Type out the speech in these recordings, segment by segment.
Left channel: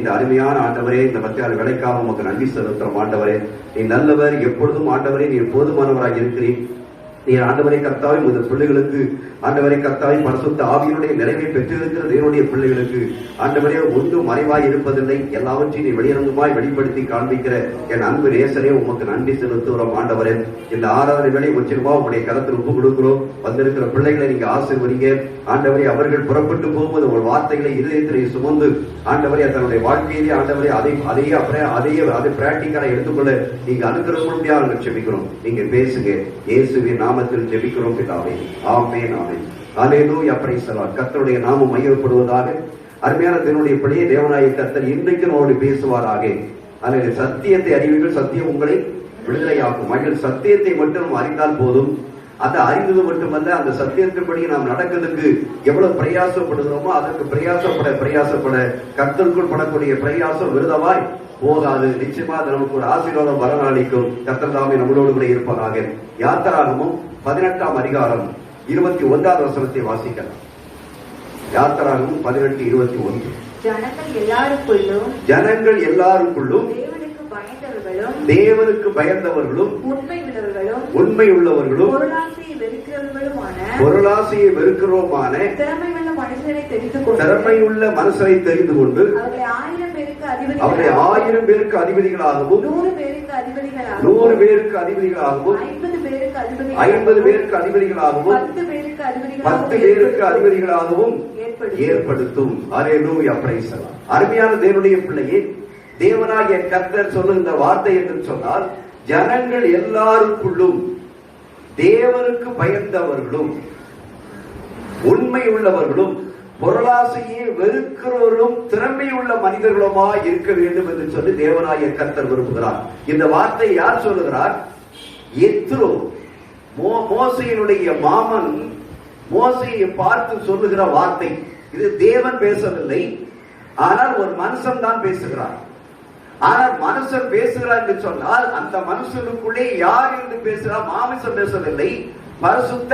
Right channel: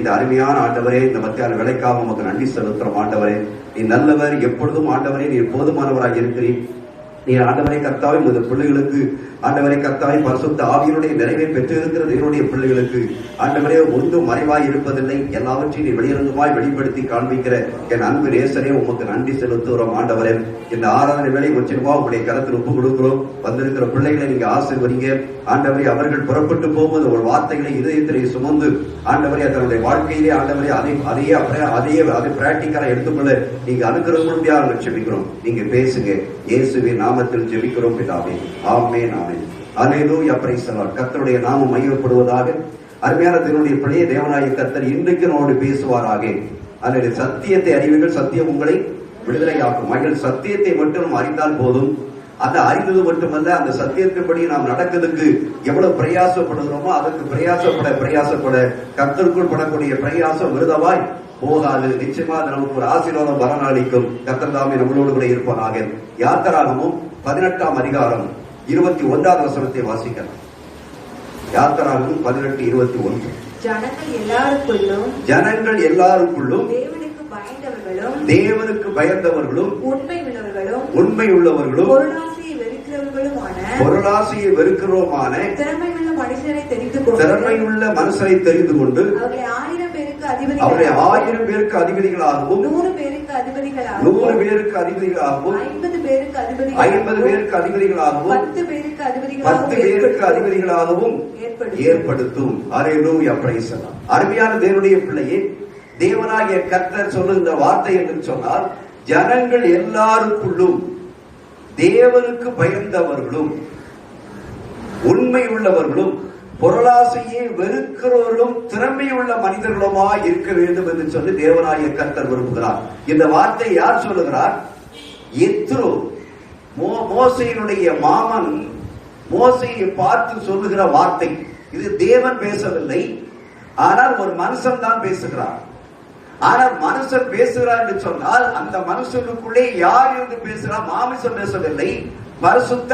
இந்த அருமையான ஆண்டவரே, இந்த மத்தியான வேலைக்காக உமக்கு நன்றி செலுத்துறோம். ஆண்டவரே, நீ நல்லவர், எப்பொழுதும் ஆண்டவரே நீர் போதுமானவராக இருக்கிறீர். நீ ஆண்டவரை கர்த்தாவே இந்த பிள்ளைகளுக்கு ஆண்டவரை கர்த்தாவே பரிசுத்த ஆவியினுடைய நிறைவை பெற்றிருக்கிற தேவனுடைய பிள்ளைகளுக்கு ஆண்டவரே ஒன்றும் மறைவாய் இருப்பதில்லை, எல்லாவற்றையும் நீ வெளியரங்கமாய் வெளிப்படுத்தி காண்பிக்கிற என் அன்பு நேசரே, உமக்கு நன்றி செலுத்துகிறோம். ஆண்டவரே, இந்த ஆராதனை வேலை ஒற்றிருவா உங்களுடைய கருத்தில் ஒப்பு கொடுக்கிறோம். வந்திருக்கிற பிள்ளைகளை நீங்க ஆசீர்வதிங்க. ஆண்டவரே, அவர்கள் புறப்பட்டு போகும்போது ஒரு வார்த்தைகளை இதயத்திலே சுமந்து ஆண்டவரே தன்னுடைய வாழ்க்கையிலே ஆண்டவரே அதை பிராக்டிக்கலா எடுத்துக்கொள்ள நீங்க அனுக்கிரகமாக ஜெபிக்கிறோம். நீங்க பேசுங்க. இயேசுவின் நாமத்தில் ஜெபிக்கிறோம் பிதாவே. ஆமென், ஆமென். அல்லேலூயா, பிரைஸ் தி லார்ட். கர்த்தருடைய நாமம் மகிமைப்படுவதாக. அருமையான தேவனுடைய பிள்ளையே, தேவனாகிய கர்த்தர் இன்றைக்கு நம்மோடு பேசுவாராக. அல்லது சத்தியத்தை அறிவீர்கள், சத்தியம் உங்களை விடுதலையாக்கும். மகள் சத்தியத்தை மட்டும் நாம் அறிந்தால் போதும். அந்த அறிந்தது மட்டுமல்ல, அந்த சத்தியத்தின்படி நாம் நடக்கிறதுக்கு எவ்வளவு பிரயாசப்படுகிறோமோ அதற்கு பிரயாசப்பட கர்த்தருக்குள் படக்கூடிய பிரயாசம் விருதமாய் போகாது. நிச்சயமா அது நமக்கு ஒரு ஆசீர்வாதம் வரநாளிக்கும். கர்த்தர் தாமே நம்மளோடு கூட இருப்பானாக. யாத்திராகமம் 18ஆம் அதிகாரம் 21வது வசனத்தை வாசிக்கலாம். யாத்திராகமம் 18:21. ஜனங்கள் எல்லாருக்குள்ளும் தேவனுக்கு பயந்தவர்களும் உண்மை உள்ளவர்களும் பொருளாசையை வெறுக்கிறோமான திறமையுள்ள மனுஷரை தெரிந்து கொண்டு அவரை 1000 பேருக்கு அதிபதிகளாகவும் 100 பேருக்கு அதிபதிகளாகவும் 50 பேருக்கு அதிபதிகளாகவும் 10 பேருக்கு அதிபதிகளாகவும் ஏற்படுத்தும். அல்லேலூயா, பிரைஸ் தி லார்ட். அருமையான தேவனுடைய பிள்ளையே, தேவனாகிய கர்த்தர் சொல்லுகின்ற வார்த்தை என்று சொன்னால், ஜனங்கள் எல்லாருக்குள்ளும் தேவனுக்கு பயந்தவர்களும் உண்மை உள்ளவர்களும் பொருளாசையை வெறுக்கிறவர்களும் திறமையுள்ள மனிதர்களுமா இருக்க வேண்டும் என்று சொல்லி தேவனாகிய கர்த்தர் விரும்புகிறார். இந்த வார்த்தை யார் சொல்லுகிறார்? எத்ரோ, மோசேயினுடைய மாமன் மோசேயை பார்த்து சொல்லுகிற வார்த்தை. இது தேவன் பேசவில்லை, ஆனால் ஒரு மனுஷன் தான் பேசுகிறார். ஆனால் மனுஷன் பேசுகிறார் என்று சொன்னால் அந்த மனுஷனுக்குள்ளே யார் என்று பேசுகிறார்? மாமிசம் பேசவில்லை, பரிசுத்த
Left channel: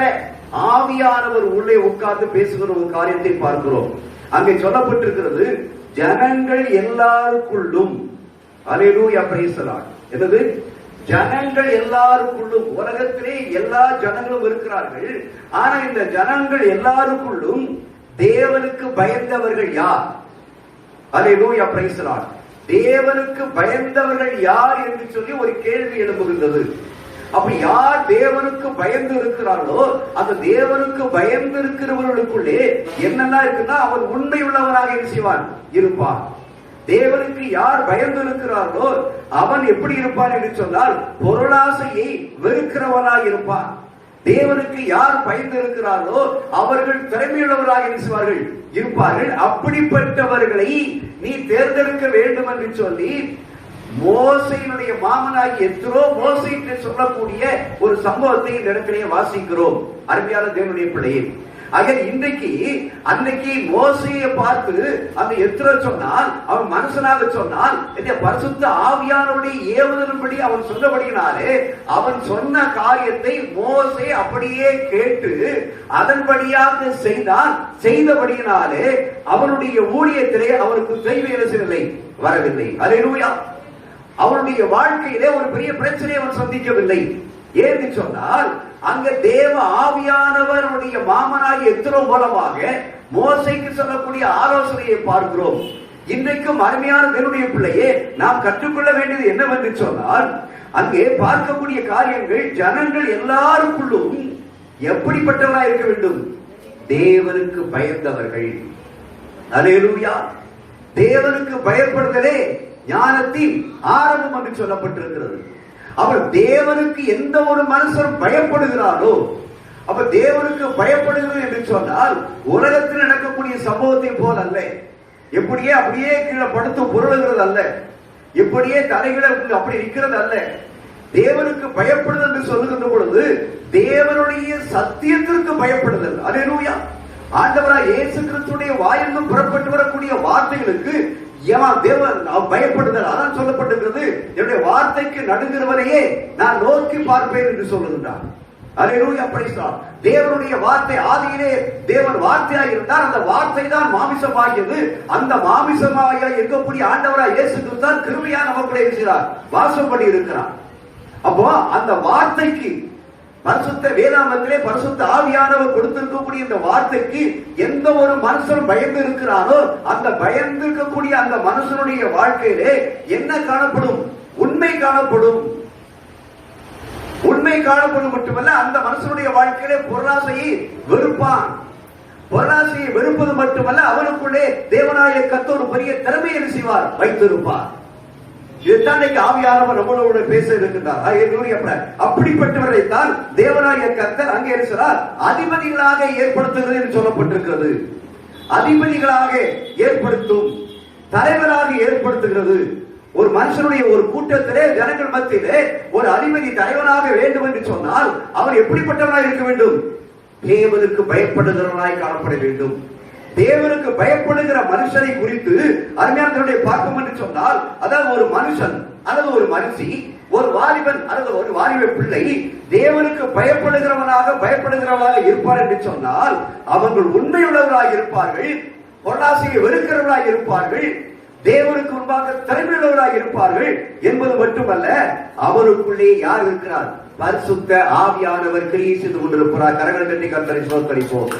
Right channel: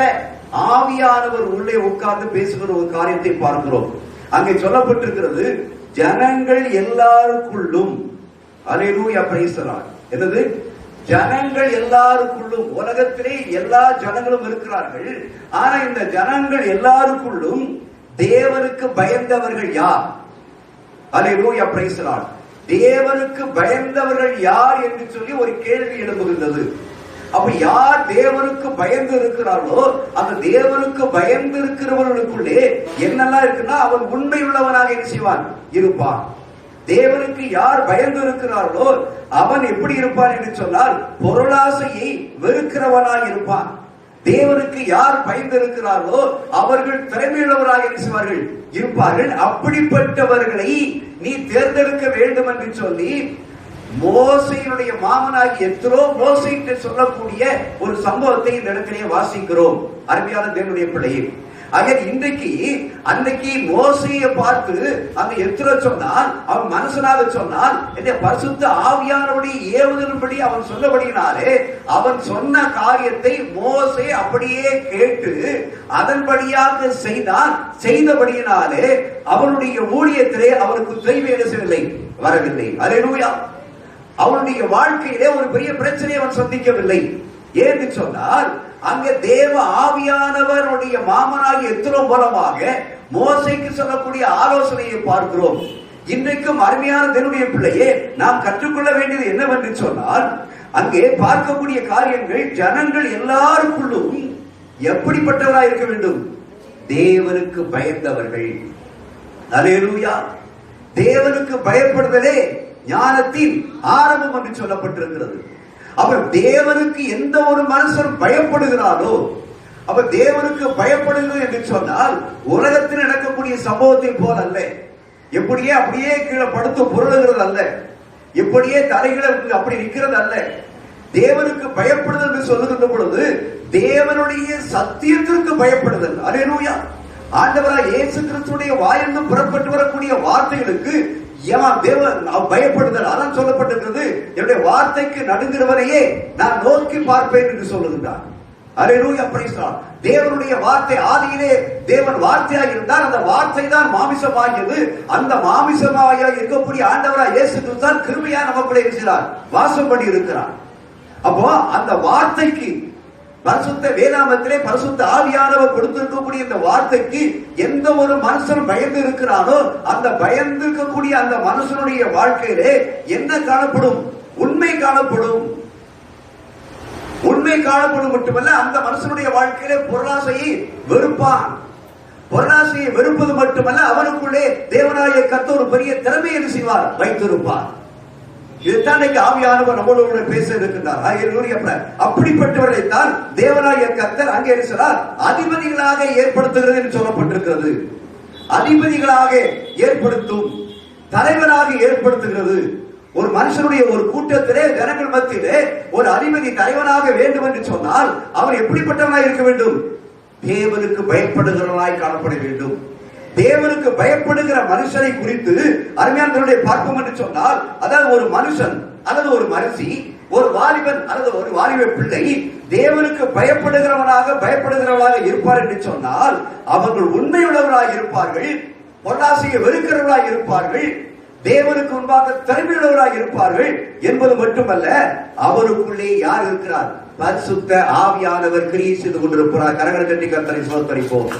ஆவியானவர் உள்ளே உட்கார்ந்து பேசுகிற ஒரு காரியத்தை பார்க்கிறோம். அங்கே சொல்லப்பட்டிருக்கிறது, ஜனங்கள் எல்லாருக்குள்ளும். அல்லேலூயா, பிரைஸ் தி லார்ட். என்னது? ஜனங்கள் எல்லாருக்குள்ளும். உலகத்திலே எல்லா ஜனங்களும் இருக்கிறார்கள். ஆனா இந்த ஜனங்கள் எல்லாருக்குள்ளும் தேவனுக்கு பயந்தவர்கள் யார்? அல்லேலூயா, பிரைஸ் தி லார்ட். தேவனுக்கு பயந்தவர்கள் யார் என்று சொல்லி ஒரு கேள்வி எழும்புகின்றது. அப்ப யார் தேவனுக்கு பயந்து இருக்கிறார்களோ அந்த தேவனுக்கு பயந்து இருக்கிறவர்களுக்குள்ளே என்னெல்லாம் இருக்குன்னா, அவன் உண்மை உள்ளவனாக இருப்பான். தேவனுக்கு யார் பயந்து இருக்கிறார்களோ அவன் எப்படி இருப்பான் என்று சொன்னால், பொருளாசையை வெறுக்கிறவனாக இருப்பான். தேவனுக்கு யார் பயந்து இருக்கிறார்களோ அவர்கள் திறமையுள்ளவராக இருப்பார்கள். அப்படிப்பட்டவர்களை நீ தேர்ந்தெடுக்க வேண்டும் என்று சொல்லி மோசேயினுடைய மாமனாகி எத்ரோ மோசேக்கு சொல்லக்கூடிய ஒரு சம்பவத்தை இந்த இடத்திலே வாசிக்கிறோம். அருமையான தேவனுடைய பிள்ளையே, அன்னைக்கு மோசேயை பார்த்து அந்த எத்ரோ சொன்னால், அவன் மனுஷனாக சொன்னால், பரிசுத்த ஆவியானவருடைய ஏவுதலின்படி அவன் சொன்னபடியினாலே அவன் சொன்ன காரியத்தை மோசே அப்படியே கேட்டு அதன்படியாக செய்தபடியினாலே அவனுடைய ஊழியத்திலே அவருக்கு தெய்வீக வரவில்லை. அல்லேலூயா. அவனுடைய வாழ்க்கையிலே ஒரு பெரிய பிரச்சனையை அவன் சந்திக்கவில்லை. ஏன்னு சொன்னால், அங்க தேவ ஆவியானவருடைய மாமனாகிய எத்ரோ மூலமாக மோசேக்கு சொல்லக்கூடிய ஆலோசனையை பார்க்கிறோம். இன்றைக்கும் அருமையான தேவனுடைய பிள்ளையே, நாம் கற்றுக்கொள்ள வேண்டியது என்னவென்று சொன்னால், அங்கே பார்க்கக்கூடிய காரியங்கள் ஜனங்கள் எல்லாருக்குள்ளும் எப்படிப்பட்டவராக இருக்க வேண்டும்? தேவனுக்கு பயந்தவர்கள். அல்லேலூயா. தேவனுக்கு பயப்படுதலே ஞானத்தின் ஆரம்பம் என்று சொல்லப்பட்டிருக்கிறது. அவர் தேவனுக்கு எந்த ஒரு மனுஷரும் பயப்படுகிறாரோ, அப்ப தேவனுக்கு பயப்படுகிறது என்று சொன்னால் உலகத்தில் நடக்கக்கூடிய சம்பவத்தின் போல் அல்ல, அப்படியே கீழே படுத்து பொருளுகிறது அல்ல, எப்படியே தலைகளை அப்படி நிற்கிறது அல்ல. தேவனுக்கு பயப்படுதல் என்று சொல்லுகின்ற பொழுது தேவனுடைய சத்தியத்திற்கு பயப்படுதல். அல்லேலூயா. ஆண்டவராய் இயேசு கிறிஸ்துவின் வாயிலிருந்து புறப்பட்டு வரக்கூடிய வார்த்தைகளுக்கு பயப்படுதல். அதான் சொல்லப்பட்டிருக்கிறது, என்னுடைய வார்த்தைக்கு நடுங்கிறவரையே நான் நோக்கி பார்ப்பேன் என்று சொல்லுகின்றார். அல்லேலூயா, பிரைஸ் தி லார்ட். தேவனுடைய வார்த்தை ஆதியிலே தேவன் வார்த்தையாய் இருந்தார். அந்த வார்த்தை தான் மாமிசமாகியது. அந்த மாமிசமாக இருக்கக்கூடிய ஆண்டவராய் இயேசு கிறிஸ்து கிருபையா நமக்குள்ளே இருக்கிறார், வாசம் பண்ணி இருக்கிறார். அப்போ அந்த வார்த்தைக்கு பரிசுத்த வேதாமத்திலே பரிசுத்த ஆவியானவர் கொடுத்திருக்கக்கூடிய இந்த வார்த்தைக்கு எந்த ஒரு மனுஷன் பயந்து இருக்கிறானோ அந்த பயந்து இருக்கக்கூடிய அந்த மனுஷனுடைய வாழ்க்கையிலே என்ன காணப்படும்? உண்மை காணப்படும். உண்மை காணப்படும் மட்டுமல்ல, அந்த மனுஷனுடைய வாழ்க்கையிலே பொருளாசையை வெறுப்பான். பொருளாசையை வெறுப்பது மட்டுமல்ல, அவனுக்குள்ளே தேவனாய கர்த்தர் ஒரு பெரிய திறமையை செய்வார், வைத்திருப்பார். இதுதான் ஆவியானவர் நம்மளோட பேச இருக்கின்றார். அப்படிப்பட்டவரை தான் தேவனாய கர்த்தர் அங்கே இருக்கிறார் அதிபதிகளாக ஏற்படுத்துகிறது என்று சொல்லப்பட்டிருக்கிறது. அதிபதிகளாக ஏற்படுத்தும், தலைவராக ஏற்படுத்துகிறது. ஒரு மனுஷனுடைய ஒரு கூட்டத்திலே ஜனங்கள் மத்தியிலே ஒரு அதிபதி தலைவனாக வேண்டும் என்று சொன்னால் அவர் எப்படிப்பட்டவனாய் இருக்க வேண்டும்? தேவனுக்கு பயப்படுகிறவனாய் காணப்பட வேண்டும். தேவனுக்கு பயப்படுகிற மனுஷனை குறித்து அருமையானவர்களை பார்ப்போம் என்று சொன்னால், அதாவது ஒரு மனுஷன் அல்லது ஒரு மனுஷி, ஒரு வாலிபன் அல்லது ஒரு வாலிப பிள்ளை தேவனுக்கு பயப்படுகிறவர்களாக இருப்பார் என்று சொன்னால் அவர்கள் உண்மையுள்ளவர்களாக இருப்பார்கள், பொருளாசையை வெறுக்கிறவர்களாக இருப்பார்கள், தேவனுக்கு முன்பாக திறமையுள்ளவராக இருப்பார்கள் என்பது மட்டுமல்ல, அவருக்குள்ளே யார் இருக்கிறார்? பரிசுத்த ஆவியானவர் கிரியை செய்து கொண்டிருக்கிறார். கரங்களை தட்டி கர்த்தரை ஸ்தோத்திரிப்போம்.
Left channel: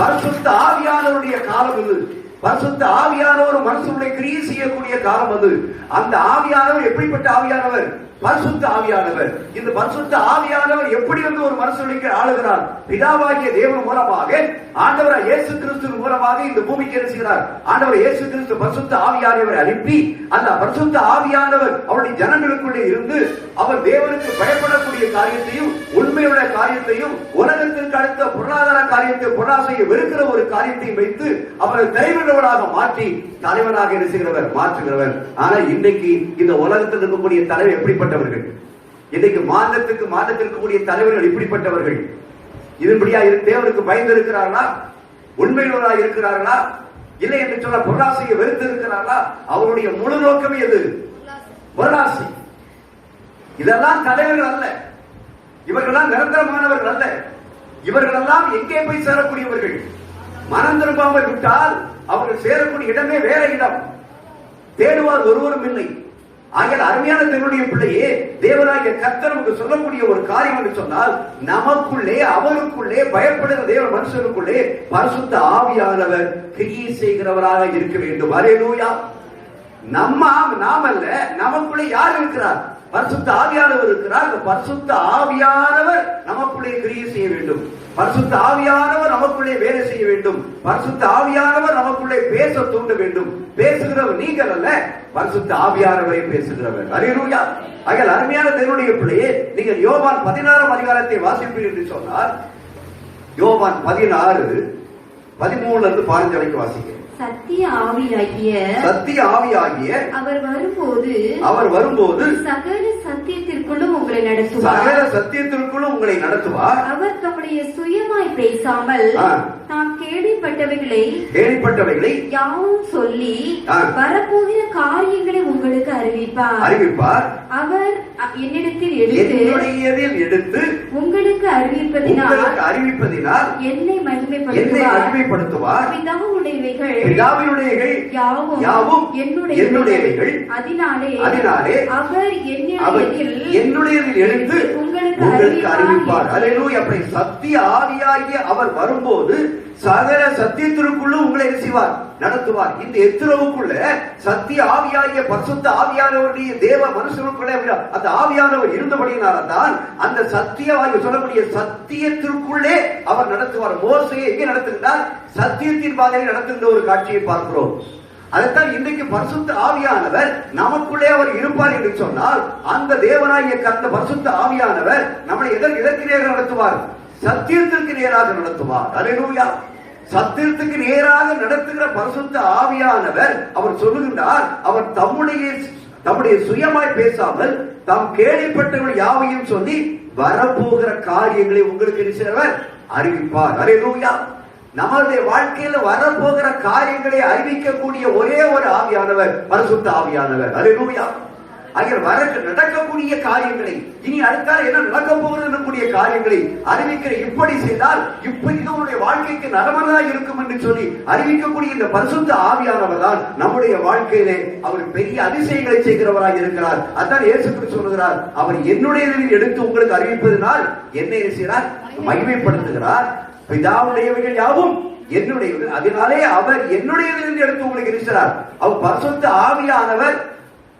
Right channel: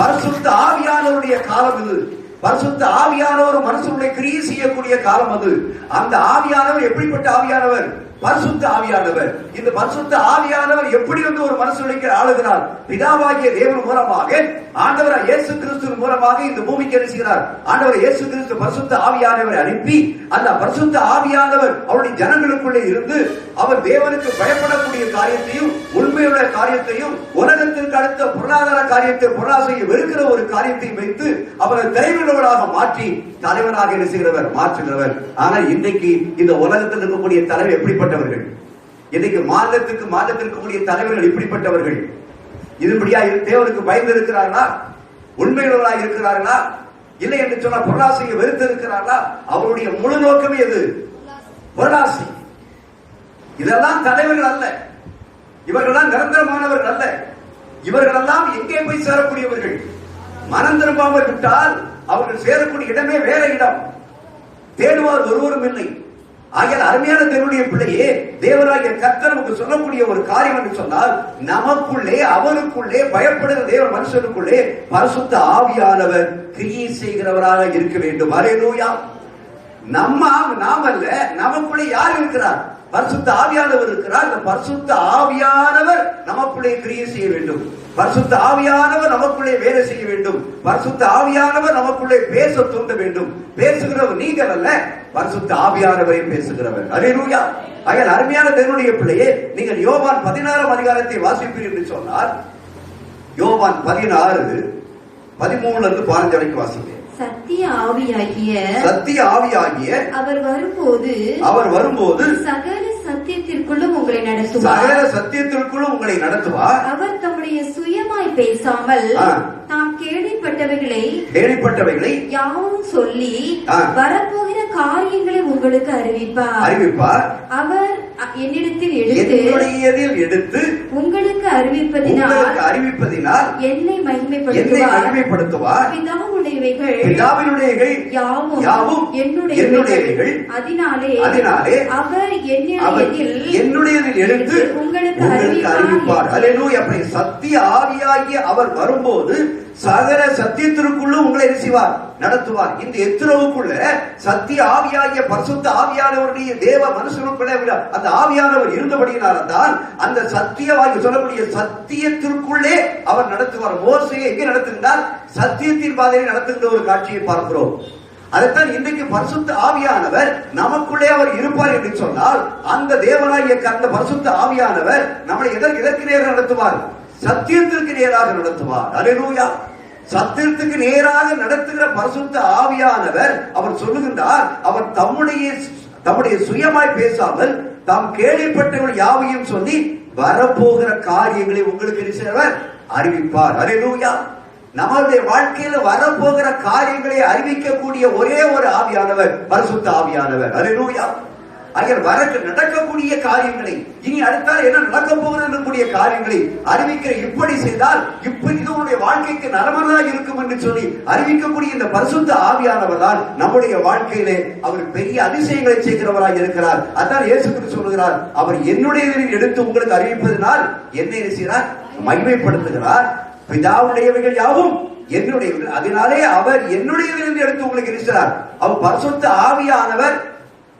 பரிசுத்த ஆவியானவருடைய காலம் இது. பரிசுத்த ஆவியானவர் மனுஷனுடைய கிரியை செய்யக்கூடிய காலம் அது. அந்த ஆவியானவர் எப்படிப்பட்ட ஆவியானவர்? பரிசுத்த ஆவியானவர். இந்த பரிசுத்த ஆவியானவர் எப்படி வந்து ஒரு மனுஷனுக்கு ஆளுகிறார்? பிதாவாகிய தேவன் மூலமாக, ஆண்டவராய் இயேசு கிறிஸ்துவின் மூலமாக இந்த பூமிக்கு இருக்கிறார். ஆண்டவர் இயேசு கிறிஸ்து பரிசுத்த ஆவியானவரை அனுப்பி அந்த பரிசுத்த ஆவியானவர் அவருடைய ஜனங்களுக்குள்ளே இருந்து அவர் தேவனுக்கு பயப்படக்கூடிய காரியத்தையும் உண்மையுள்ள காரியத்தையும் உலகத்திற்கு அடுத்த பொருளாதார காரியத்தை பொருளாசையை வெறுக்கிற ஒரு காரியத்தையும் வைத்து அவரை தலைவர்களாக மாற்றி தலைவராக இருக்கிறவர், மாற்றுகிறவர். ஆனால் இன்றைக்கு இந்த உலகத்தில் இருக்கக்கூடிய தலைவர் எப்படிப்பட்டவர்கள்? இன்னைக்கு மாநிலத்திற்கு இருக்கக்கூடிய தலைவர்கள் இப்படிப்பட்டவர்கள். இதன்படியா தேவனுக்கு பயந்து இருக்கிறார்களா? உண்மையுள்ளவர்களாக இருக்கிறார்களா? இல்லை என்று சொன்ன பொருளாசையை வெறுத்து இருக்கிறார்களா? அவருடைய முழு நோக்கமே எது? பொருளாசை. இதெல்லாம் தலைவர்கள் அல்ல, இவர்களெல்லாம் நிரந்தரமானவர்கள் அல்ல. இவர்களெல்லாம் எங்கே போய் சேரக்கூடியவர்கள்? மனம் திரும்பாமல் விட்டால் அவர்கள் சேரக்கூடிய இடமே வேற இடம். தேடுவார் ஒருவரும் இல்லை. ஆகிய அருமையான தேவனுடைய பிள்ளையே, தேவராகிய கர்த்தர் நமக்கு சொல்லக்கூடிய ஒரு காரியம் என்று சொன்னால், நமக்குள்ளே அவருக்குள்ளே பயப்படுகிற தேவ மனுஷனுக்குள்ளே பரிசுத்த ஆவியானவர் கிரியை செய்கிறவராக இருக்க வேண்டும். அல்லேலூயா. நாம் அல்ல, நமக்குள்ளே யார் இருக்கிறார்? பரிசுத்த ஆவியானவர் இருக்கிறார். அந்த பரிசுத்த ஆவியானவர் நமக்குள்ளே கிரியை செய்ய வேண்டும். பரிசுத்த ஆவியானவர் நமக்குள்ளே வேலை செய்ய வேண்டும். பரிசுத்த ஆவியானவர் நமக்குள்ளே பேச தூண்ட வேண்டும். பேசுகிறவர் நீங்கள் அல்ல, பரிசுத்த ஆவியானவரை பேசுகிறவர். அல்லேலூயா. ஆகையால் அருமையான தேவனுடைய பிள்ளையே, நீங்கள் யோவான் 16 அதிகாரத்தை வாசிப்பீர்கள் என்று சொன்னார். யோவான் 16 13 இருந்து 15 வரைக்கும் வாசிக்க. சத்திய ஆவியாகிய அவர் வரும்போது சகல சத்தியத்திற்குள்ளும் உங்களை நடத்துவார். அவர் தம்முடைய சுயமாய் பேசாமல் தாம் கேள்விப்பட்டவைகளை யாவும் சொல்லி வரப்போகிற காரியங்களை உங்களுக்கு அறிவிப்பார். அவர் என்னிடத்தில் எடுத்து உங்களுக்கு அறிவிப்பதினால் என்னை மகிமைப்படுத்துவார். பிதாவினுடையவைகள் யாவும் என்னுடையவைகள். அதனாலே அவர் என்னுடையதில் எடுத்து உங்களுக்கு அறிவிப்பார். அல்லேலூயா. சத்திய ஆவியாகிய அவர் வரும்போது சகல சத்தியத்திற்குள்ளும் உங்களை செய்வார், நடத்துவார். இந்த எத்திரவுக்குள்ள சத்திய ஆவியாகிய பரிசுத்த ஆவியானவருடைய தேவ மனுஷனுக்குள்ளே அந்த ஆவியானவர் இருந்தபடியினால்தான் அந்த சத்தியவாகி சொல்லக்கூடிய சத்தியத்திற்குள்ளே அவர் நடத்துவார். மோசையை எங்கே நடத்துகின்றார்? சத்தியத்தின் பாதையில் நடத்துகின்ற ஒரு காட்சியை பார்க்கிறோம். அதைத்தான் இன்றைக்கு பரிசுத்த ஆவியானவர் நமக்குள்ளே அவர் இருப்பார் என்று சொன்னால், அந்த தேவனாகிய அந்த பரிசுத்த ஆவியானவர் நம்மளை எதற்கு நேராக நடத்துவார்? சத்தியத்திற்கு நேராக நடத்துவார். அல்லேலூயா. சத்தியத்துக்கு நேராக நடத்துகிற பரிசுத்த ஆவியானவர் அவர் சொல்லுகின்றார், அவர் தம்முடைய சுயமாய் பேசாமல் தாம் கேள்விப்பட்டவர்கள் யாவையும் சொல்லி வரப்போகிற காரியங்களை உங்களுக்கு அறிவிப்பார். அல்லேலூயா. நம்மளுடைய வாழ்க்கையில வரப்போகிற காரியங்களை அறிவிக்கக்கூடிய ஒரே ஒரு ஆவியானவர் பரிசுத்த ஆவியானவர். அல்லேலூயா. நடக்கக்கூடிய காரியங்களை, இனி அடுத்தால் என்ன நடக்க போகிற காரியங்களை அறிவிக்கிற இப்படி செய்தால் இப்படி உன்னுடைய வாழ்க்கைக்கு நலமானதாக இருக்கும் என்று சொல்லி அறிவிக்கக்கூடிய இந்த பரிசுத்த ஆவியானவர் தான் நம்முடைய வாழ்க்கையிலே அவர் பெரிய அதிசயங்களை செய்கிறவராக இருக்கிறார். அதான் இயேசு கிறிஸ்து சொல்கிறார், அவர் என்னுடையதில் எடுத்து உங்களுக்கு அறிவிப்பதனால் என்ன செய்கிறார்? மகிமைப்படுத்துகிறார். பிதாவுடையவைகள் யாவும் என்னுடையவர்கள், அதனாலே அவர் என்னுடையதில் எடுத்து உங்களுக்கு இருக்கிறார். அவர் பரிசுத்த ஆவியானவர்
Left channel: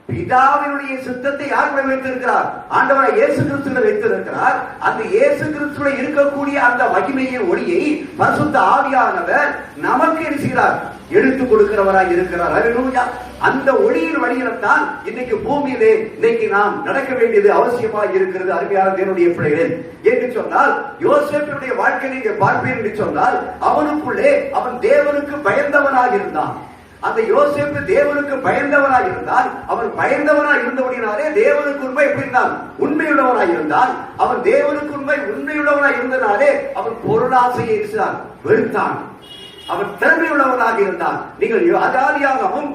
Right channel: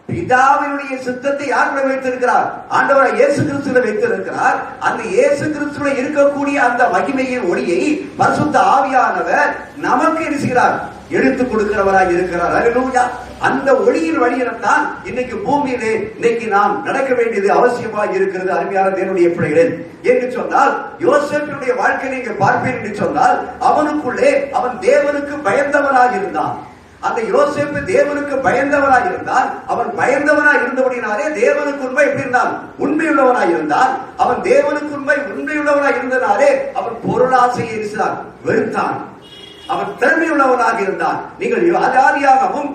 பிதாவினுடைய சித்தத்தை யாருடைய வைத்திருக்கிறார்? ஆண்டவராக இயேசு கிறிஸ்துவை வைத்திருக்கிறார். அந்த இயேசு கிறிஸ்துவை இருக்கக்கூடிய அந்த மகிமையின் ஒளியை பரிசுத்த ஆவியானவர் நமக்கு இருக்கிறார், எடுத்துக் கொடுக்கிறவராக இருக்கிறார். அல்லேலூயா. அந்த ஒளியின் வழியில்தான் இன்னைக்கு பூமியிலே இன்னைக்கு நாம் நடக்க வேண்டியது அவசியமாக இருக்கிறது. அருமையான தேவனுடைய பிள்ளைகளே, என்று சொன்னால் யோசேப்பினுடைய வாழ்க்கையை நீங்க பார்ப்பீர்கள் என்று சொன்னால் அவனுக்குள்ளே அவன் தேவனுக்கு பயந்தவனாக இருந்தான். அந்த யோசேப்பு தேவனுக்கு பயந்தவனாய் இருந்தான். அவன் பயந்தவனாய் இருந்தபடினாலே தேவனுக்கு உண்மை எப்படி இருந்தான்? உண்மையுள்ளவனாய் இருந்தான். அவன் தேவனுக்கு உண்மையுள்ளவனாய் இருந்தனாலே அவன் பொருளாசையை வெறுத்தான். அவன் திறமையுள்ளவனாக இருந்தான். நீங்கள் ஆதியாகமம்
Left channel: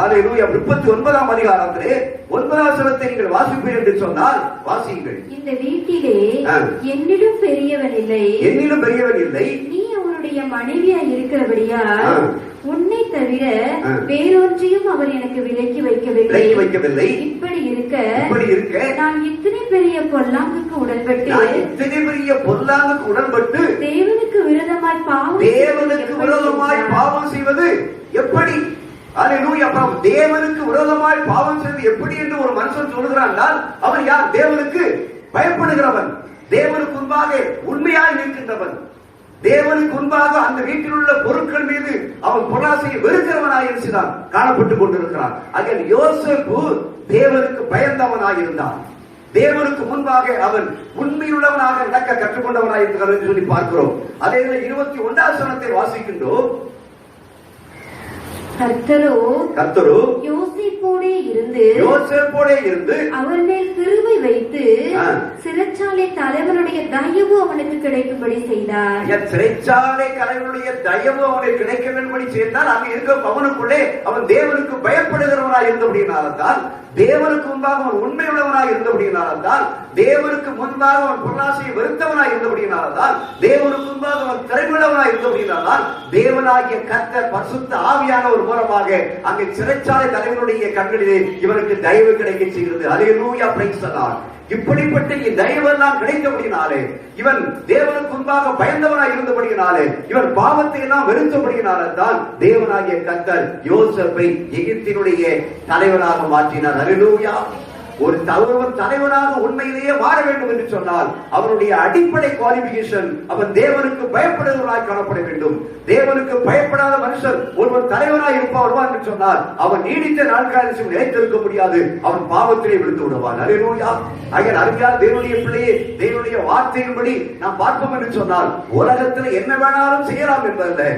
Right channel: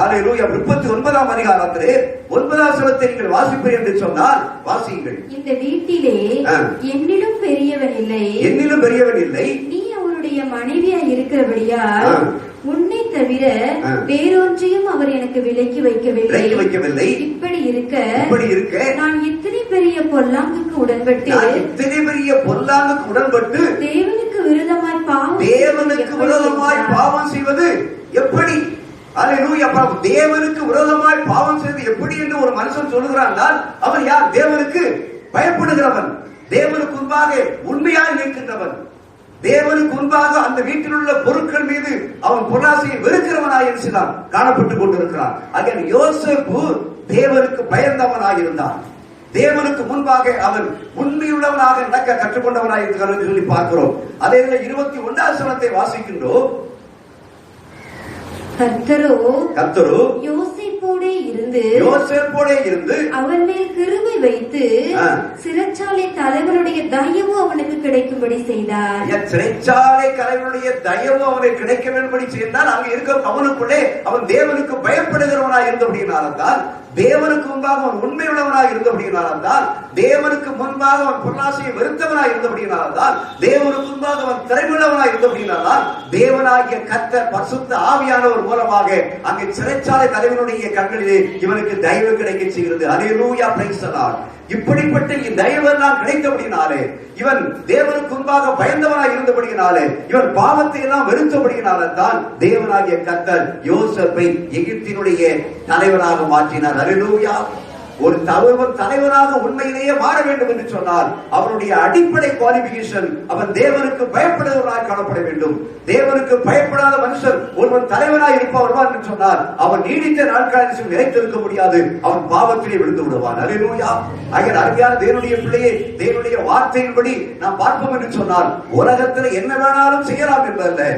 39ஆம் அதிகாரத்திலே 9ஆம் வசனத்தை நீங்கள் வாசிப்பீர்கள் என்று சொன்னால் வாசியுங்கள். இந்த வீட்டிலே என்னிலும் பெரியவன் இல்லை, நீ அவனுடைய மனைவியா இருக்கிறபடியால் உன்னை தவிர வேறொன்றையும் அவர் எனக்கு விலக்கி வைக்கவில்லை. இப்படி இருக்க நான் இத்தனை பெரிய பொல்லாங்குக்கு உடன்பட்டு தேவனுக்கு விரோதமாய் பாவம் செய்வது எப்படி? அல்லேலூயா. தேவனுக்கு விரோதமாய் பாவம் செய்வது எப்படி என்று ஒரு மனுஷன் சொல்லுகிறான். அவன் யார்? தேவனுக்கு பயப்படுகிறவன், தேவனுக்கு முன்பாக உண்மையாக நிற்கின்றவன், தேவனுக்கு முன்பாக அந்த வீட்டில் உள்ள பொருட்கள் மீது அவன் பொருளாசையை வெறுக்கிறவனாக இருக்கிறான், காணப்பட்டுக் கொண்டிருக்கிறான். ஆக யோசேப்பு தேவனுக்கு பயந்தவனாக இருந்தான். தேவனுக்கு முன்பாக அவன் உண்மையுள்ளவனாக நடக்க கற்றுக்கொண்டவனாக இருக்கிறான் என்று சொல்லி பார்க்கிறோம். அதே 21ஆம் வசனத்தை வாசிக்கின்றோம். கர்த்தரோ யோசேப்போடே இருந்து அவன் மேல் கிருபை வைத்து சிறைச்சாலை தலைவனுடைய தயவு அவனுக்கு கிடைக்கும்படி செய்தார். சிறைச்சாலை தலைவனுடைய தயவு அவனுக்கு கிடைக்க வேண்டும்படி செய்தால் அங்கு இருக்க அவனுக்குள்ளே அவன் தேவனுக்கு பயப்படுகிறவனாக இருந்தபடியினால்தான், தேவனுக்கு முன்பாக அவன் உண்மையுள்ளவனாக இருந்தபடியினால்தான், தேவனுக்கு முன்பாக அவன் பொருளாசையை வெறுத்தவனாக இருந்தபடியினால்தான், தேவனுக்கு முன்பாக அவன் திறமையுள்ளவனாக இருந்தபடியினால்தான் தேவனாகிய கர்த்தர் பரிசுத்த ஆவியானவர் மூலமாக அங்கே சிறைச்சாலை தலைவனுடைய கண்களிலே இவனுக்கு தயவு கிடைக்க செய்கிறது. அல்லேலூயா, பிரைஸ் தி லார்ட். இப்படிப்பட்ட தயவெல்லாம் கிடைத்தபடினாலே, இவன் தேவனுக்கு முன்பாக பயந்தவனாக இருந்தபடியினாலே, இவன் பாவத்தை எல்லாம் வெறுத்தபடியினாலே தான் தேவனாகிய கர்த்தர் யோசேப்பை எகிப்தினுடைய தலைவராக மாற்றினார். அல்லேலூயா. ஒரு தலைவராக உண்மையிலேயே மாற வேண்டும் என்று சொன்னால் அவனுடைய அடிப்படை குவாலிபிகேஷன் அவன் தேவனுக்கு பயப்படுகிறவனாக காணப்பட வேண்டும். தேவனுக்கு பயப்படாத மனுஷன் ஒருவன் தலைவனாக இருப்பான் என்று சொன்னால் அவன் நீடித்த நாட்காலம் நிலைத்திருக்க முடியாது, அவன் பாவத்திலே விழுந்து விடுவான். அல்லேலூயா. அருமையான தேவனுடைய பிள்ளையே, தேவனுடைய வார்த்தையின்படி நாம் பார்ப்போம் என்று சொன்னால் உலகத்தில் என்ன வேணாலும் செய்யலாம் என்பதல்ல,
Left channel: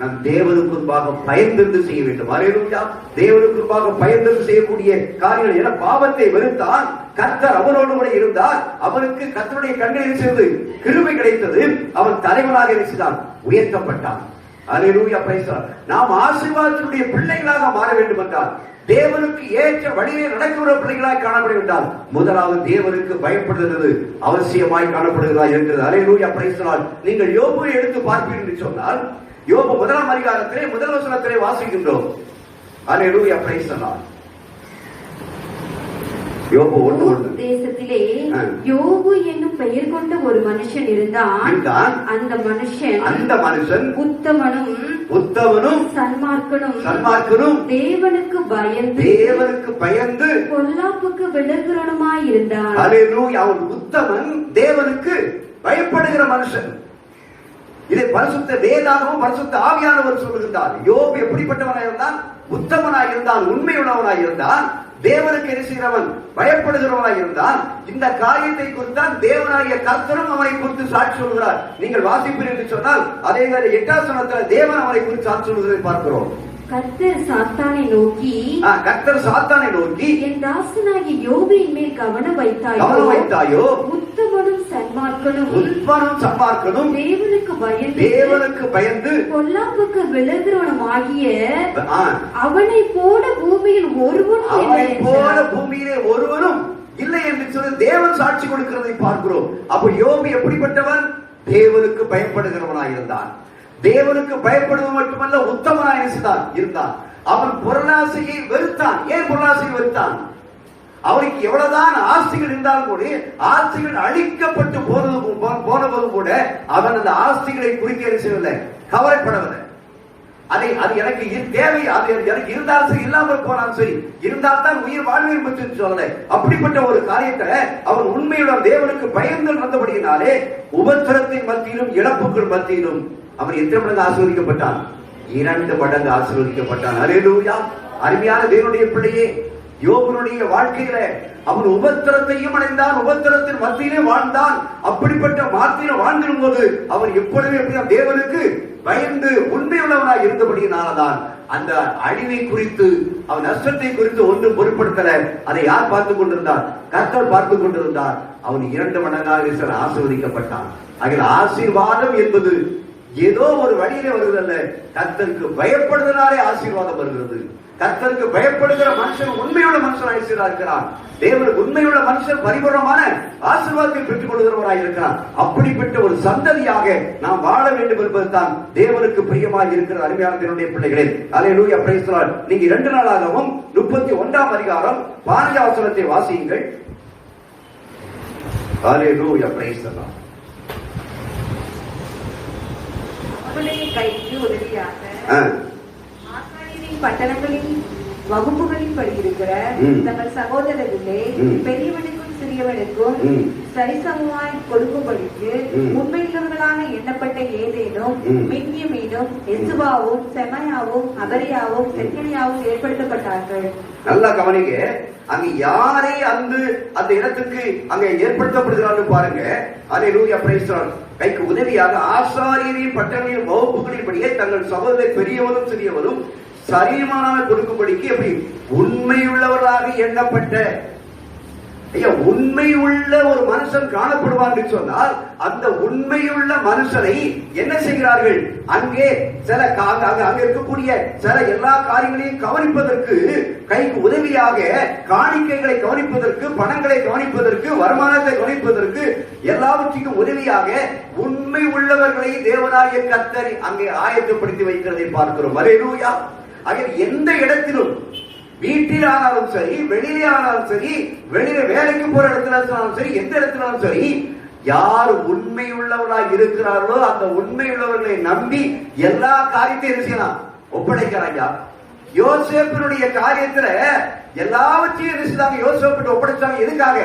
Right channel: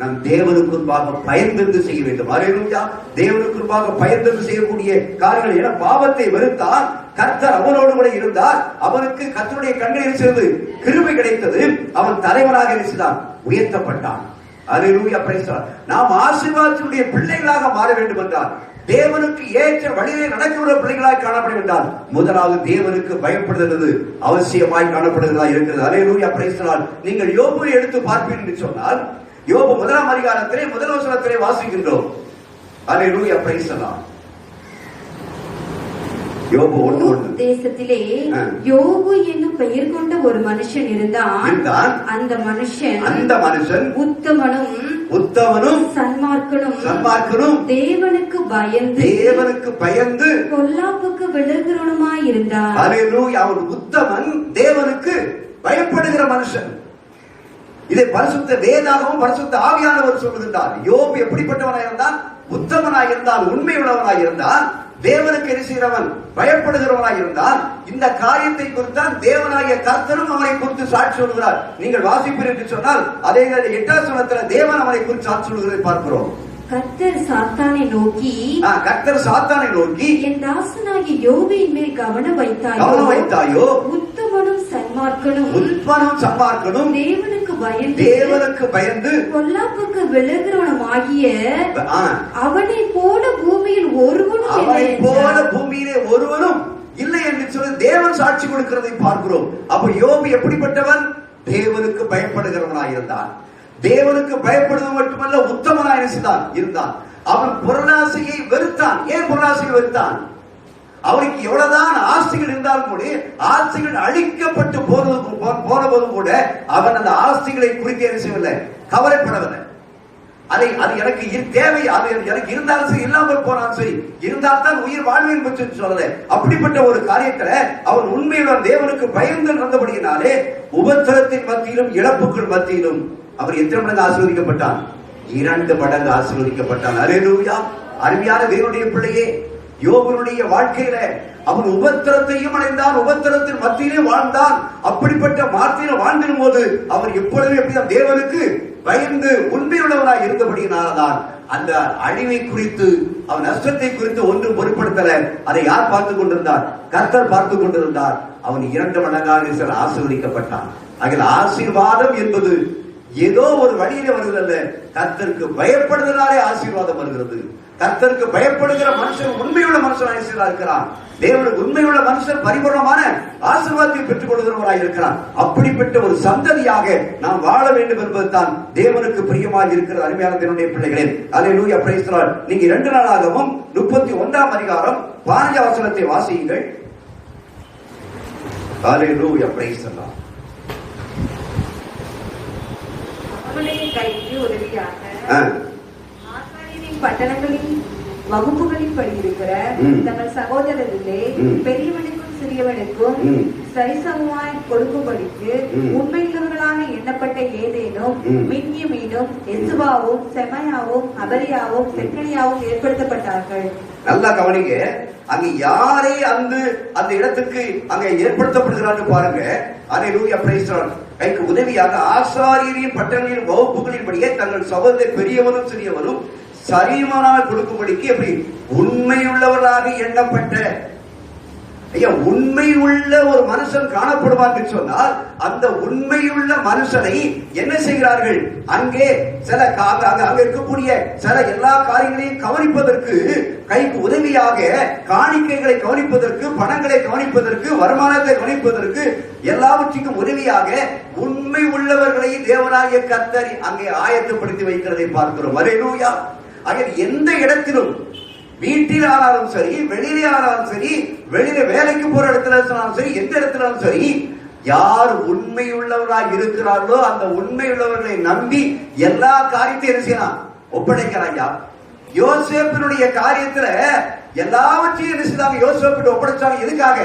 நம் தேவனுக்கு முன்பாக பயந்திருந்து செய்ய வேண்டும். அல்லேலூயா. தேவனுக்கு முன்பாக பயந்திருந்து செய்யக்கூடிய காரியங்கள். என பாவத்தை வெறுத்தான், கர்த்தர் அவனோடு கூட இருந்தார், அவனுக்கு கர்த்தருடைய கண்களில் சேர்ந்து கிருபை கிடைத்தது, அவன் தலைவனாக இருக்கிறான், உயர்த்தப்பட்டான். அல்லேலூயா, பிரைஸ் தி லார்ட். நாம் ஆசீர்வாதத்தினுடைய பிள்ளைகளாக மாற வேண்டும் என்றால், தேவனுக்கு ஏற்ற வழியிலே நடக்கிற பிள்ளைகளாய் காணப்பட வேண்டாம், முதலாவது தேவனுக்கு பயப்படுகிறது அவசியமாய் காணப்படுகிறதா இருக்கிறது. அல்லேலூயா, பிரைஸ் தி லார்ட். நீங்கள் யோபுவை எடுத்து பார்ப்பீர்கள் என்று சொன்னால் யோபு 1ஆம் அதிகாரத்திலே 1 வசனத்திலே வாசிக்கின்றோம். அல்லேலூயா, பிரைஸ் தி லார்ட். யோபு 1:1. தேசத்திலே யோபு என்னும் பெயர் கொண்ட ஒரு மனுஷன் இருந்தான். அந்த மனுஷன் உத்தமனும் சன்மார்க்கனும் தேவனுக்கு பயந்து பொல்லாப்புக்கு விலகுறவனுமாய் இருந்தான். அல்லேலூயா. அவன் உத்தமன், தேவனுக்கு பயப்படுகிற மனுஷன். இதை பரிசுத்த வேதாகமும் பரிசுத்த ஆவியானவர் சொல்லுகின்றார். யோபு எப்படிப்பட்டவனாக இருந்தான்? உத்தமனாக இருந்தான், உண்மையுள்ளவனாக இருந்தான், தேவனுக்கு என்ன செய்கிறவன்? பயப்படுகிறவனாக இருந்தான். இந்த காரியத்தை குறித்தான் தேவனாகிய கர்த்தரும் அவனை குறித்து சாட்சி சொல்கிறார். நீங்கள் வாசிப்பீர்கள் என்று சொன்னால் அதே 8ஆம் வசனத்தில் தேவன் அவனை குறித்து சாட்சி சொல்கிறதை பார்க்கிறோம். கர்த்தர் சாத்தானை நோக்கி என் தாசனாகிய யோபின் மேல் கவனம் வைத்தாயோ உத்தமனும் சன்மார்க்கனும் தேவனுக்கு பயந்து பொல்லாப்புக்கு விலகுறவனுமாகிய அவனை போல பூமியில் ஒருவனும் பூமியிலே ஒருவரும் இல்லை என்று சொல்லி தேவன் சாட்சி கொடுக்கிறதை பார்க்கிறோம். அப்ப யோபு எப்படிப்பட்டவன்? தேவனுக்கு பயப்படுகிறவனாய் இருந்தான். தேவனுக்கு பயப்படுவது மட்டுமல்ல, உத்தமனாய் இருந்தான். அவன் பொருளாசையை வெறுத்தான். ஏன் பொருளாசையை வெறுத்தான்? அவனுக்கு எவ்வளவுதான் ஆஸ்திகள் இருந்தாலும் கூட, ஆஸ்திகள் அழிக்கப்பட்டு போனபோதும் கூட அவன் அந்த ஆஸ்திகளை குறித்து என்ன செய்யவில்லை, கவலைப்படவில்லை. அது எனக்கு தேவை, அது எனக்கு இருந்தாலும் சரி, இல்லாமல் போனாலும் சரி, இருந்தால் தான் உயிர் வாழ்வில் சொல்லல. அப்படிப்பட்ட ஒரு காரியத்துல அவன் உண்மையுடன் தேவனுக்கு பயந்து நடந்தபடியினாலே உபத்திரத்தின் மத்தியிலும் இழப்புகள் மத்தியிலும் அவன் எத்தனை மடங்கு ஆசீர்வதிக்கப்பட்டான்? 2 மடங்கு ஆசீர்வதிக்கப்பட்டான். அல்லேலூயா. அருமையான தேவனுடைய பிள்ளையே, யோபுடைய வாழ்க்கையில அவன் உபத்திரத்தையும் அடைந்தான், உபத்திரத்தின் மத்தியிலே வாழ்ந்தான். அப்படிப்பட்ட மாத்திர வாழ்ந்திடும் போது அவன் எப்பொழுதுமே தேவனுக்கு பயந்து உண்மையுள்ளவனாய் இருந்தபடியினால்தான் அந்த அழிவை குறித்து, அவன் நஷ்டத்தை குறித்து ஒன்றும் பொருட்படுத்தல. அதை யார் பார்த்துக் கொண்டிருந்தார்? கர்த்தர் பார்த்துக் கொண்டிருந்தார். அவன் 2 மடங்காக ஆசீர்வதிக்கப்பட்டான். அதில் ஆசீர்வாதம் என்பது ஏதோ ஒரு வழியிலே வருகிறல்ல, கர்த்தருக்கு பயப்படுவதனாலே ஆசீர்வாதம் வருகிறது. கர்த்தருக்கு பயப்படுகிற மனுஷன் உண்மையுள்ள மனுஷனாக இருக்கிறான். தேவனுக்கு உண்மையுள்ள மனுஷன் பரிபூர்ணமான ஆசீர்வாதத்தை பெற்றுக் கொள்கிறவராக இருக்கிறான். அப்படிப்பட்ட ஒரு சந்ததியாக நாம் வாழ வேண்டும் என்பதுதான் தேவனுக்கு பிரியமாக இருக்கிற அருமையான தேவனுடைய பிள்ளைகளே. அல்லேலூயா, பிரைஸ் தி லார்ட். நீங்க 2 நாளாகவும் 31ஆம் அதிகாரம் 15ஆம் வசனத்தை வாசியுங்கள். அல்லேலூயா, பிரைஸ் தி லார்ட். கைக்கு உதவியாக பட்டணங்களின் வகுப்புகளின் படி இருக்கிற தங்கள் சகோதரரிலே பெரியவனுக்கும் சிறியவனுக்கும் சரிசமமாய் கொடுக்கும்படிக்கு உண்மையுள்ளவர்களாக எண்ணப்பட்ட ஏதேனும் மின்யமீனும் எசுவாவும் செமையாவும் அபரியாவும் செக்கனியாவும் ஏற்படுத்தப்பட்டார்கள். நல்லா கவனிங்க. அங்க யாரை அந்த இடத்துக்கு அங்க ஏற்படுத்தப்படுகிறார்கள் பாருங்க. அல்லேலூயா, பிரைஸ் தி லார்ட். கைக்கு உதவியாக ஆசாரியரின் பட்டணங்களின் வகுப்புகளின்படியே தங்கள் சகோதரர் பெரியவரும் சிறியவரும் சரிமானாக கொடுக்கும்படிக்கு எப்படி உண்மையுள்ளவராக எண்ணப்பட்ட, உண்மையுள்ள ஒரு மனுஷன் காணப்படுவார் என்று சொன்னால் அந்த உண்மையுள்ள மனுஷனை என்ன செய்கிறார்கள்? அங்கே சில அங்க இருக்கக்கூடிய சில எல்லா காரியங்களையும் கவனிப்பதற்கு, கைக்கு உதவியாக காணிக்கைகளை கவனிப்பதற்கு, பணங்களை கவனிப்பதற்கு, வருமானத்தை கவனிப்பதற்கு, எல்லாவற்றுக்கும் உதவியாக உண்மை உள்ளவர்களை தேவனாகிய கர்த்தர் அங்கே ஆயத்தப்படுத்தி வைக்கிறதை பார்க்கிறோம். அல்லேலூயா. எந்த இடத்திலும், வீட்டில் ஆனாலும் சரி, வெளியிலே ஆனாலும் சரி, வெளியில வேலைக்கு போற இடத்துல சரி, எந்த இடத்திலும் சரி, யார் உண்மையுள்ளவர்களாக இருக்கிறார்களோ அந்த உண்மையுள்ளவர்களை நம்பி எல்லா காரியத்தையும் என்ன செய்யலாம்? ஒப்படைக்கிறாங்க. யோசேப்பினுடைய காரியத்துல எல்லாவற்றையும் என்ன செய்தாங்க? யோசேப்பு ஒப்படைச்சாங்க. எதுக்காக?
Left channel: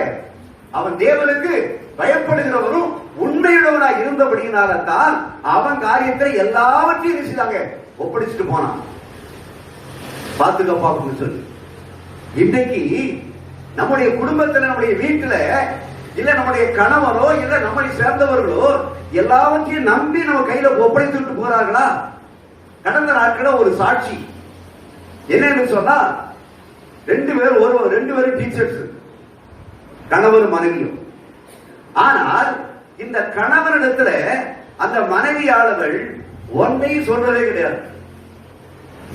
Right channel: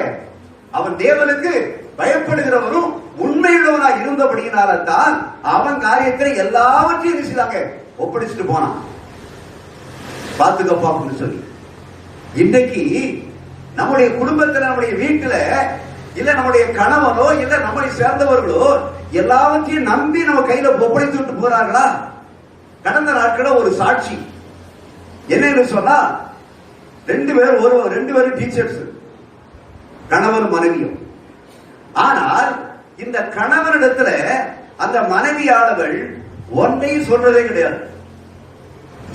அவன் தேவனுக்கு பயப்படுகிறவரும் உண்மையுள்ளவனாக இருந்தபடியினால்தான் அவன் காரியத்துல எல்லாவற்றையும் என்ன செய்தாங்க? ஒப்படைச்சிட்டு போனான். பாத்துக்கப்பா அப்படின்னு சொல்லி. இன்னைக்கு நம்முடைய குடும்பத்துல, நம்முடைய வீட்டுல, இல்ல நம்முடைய கணவனோ இல்ல நம்மளை சேர்ந்தவர்களோ எல்லாவற்றையும் நம்பி நம்ம கையில ஒப்படைத்துட்டு போறார்களா? கடந்த நாட்கள ஒரு சாட்சி என்னன்னு சொன்னா, 2 பேரும் டீச்சர்ஸ், கணவன் மனைவியும். ஆனால் இந்த கணவனிடத்துல அந்த மனைவியாளர்கள் ஒன்றையும் சொல்றதே கிடையாது.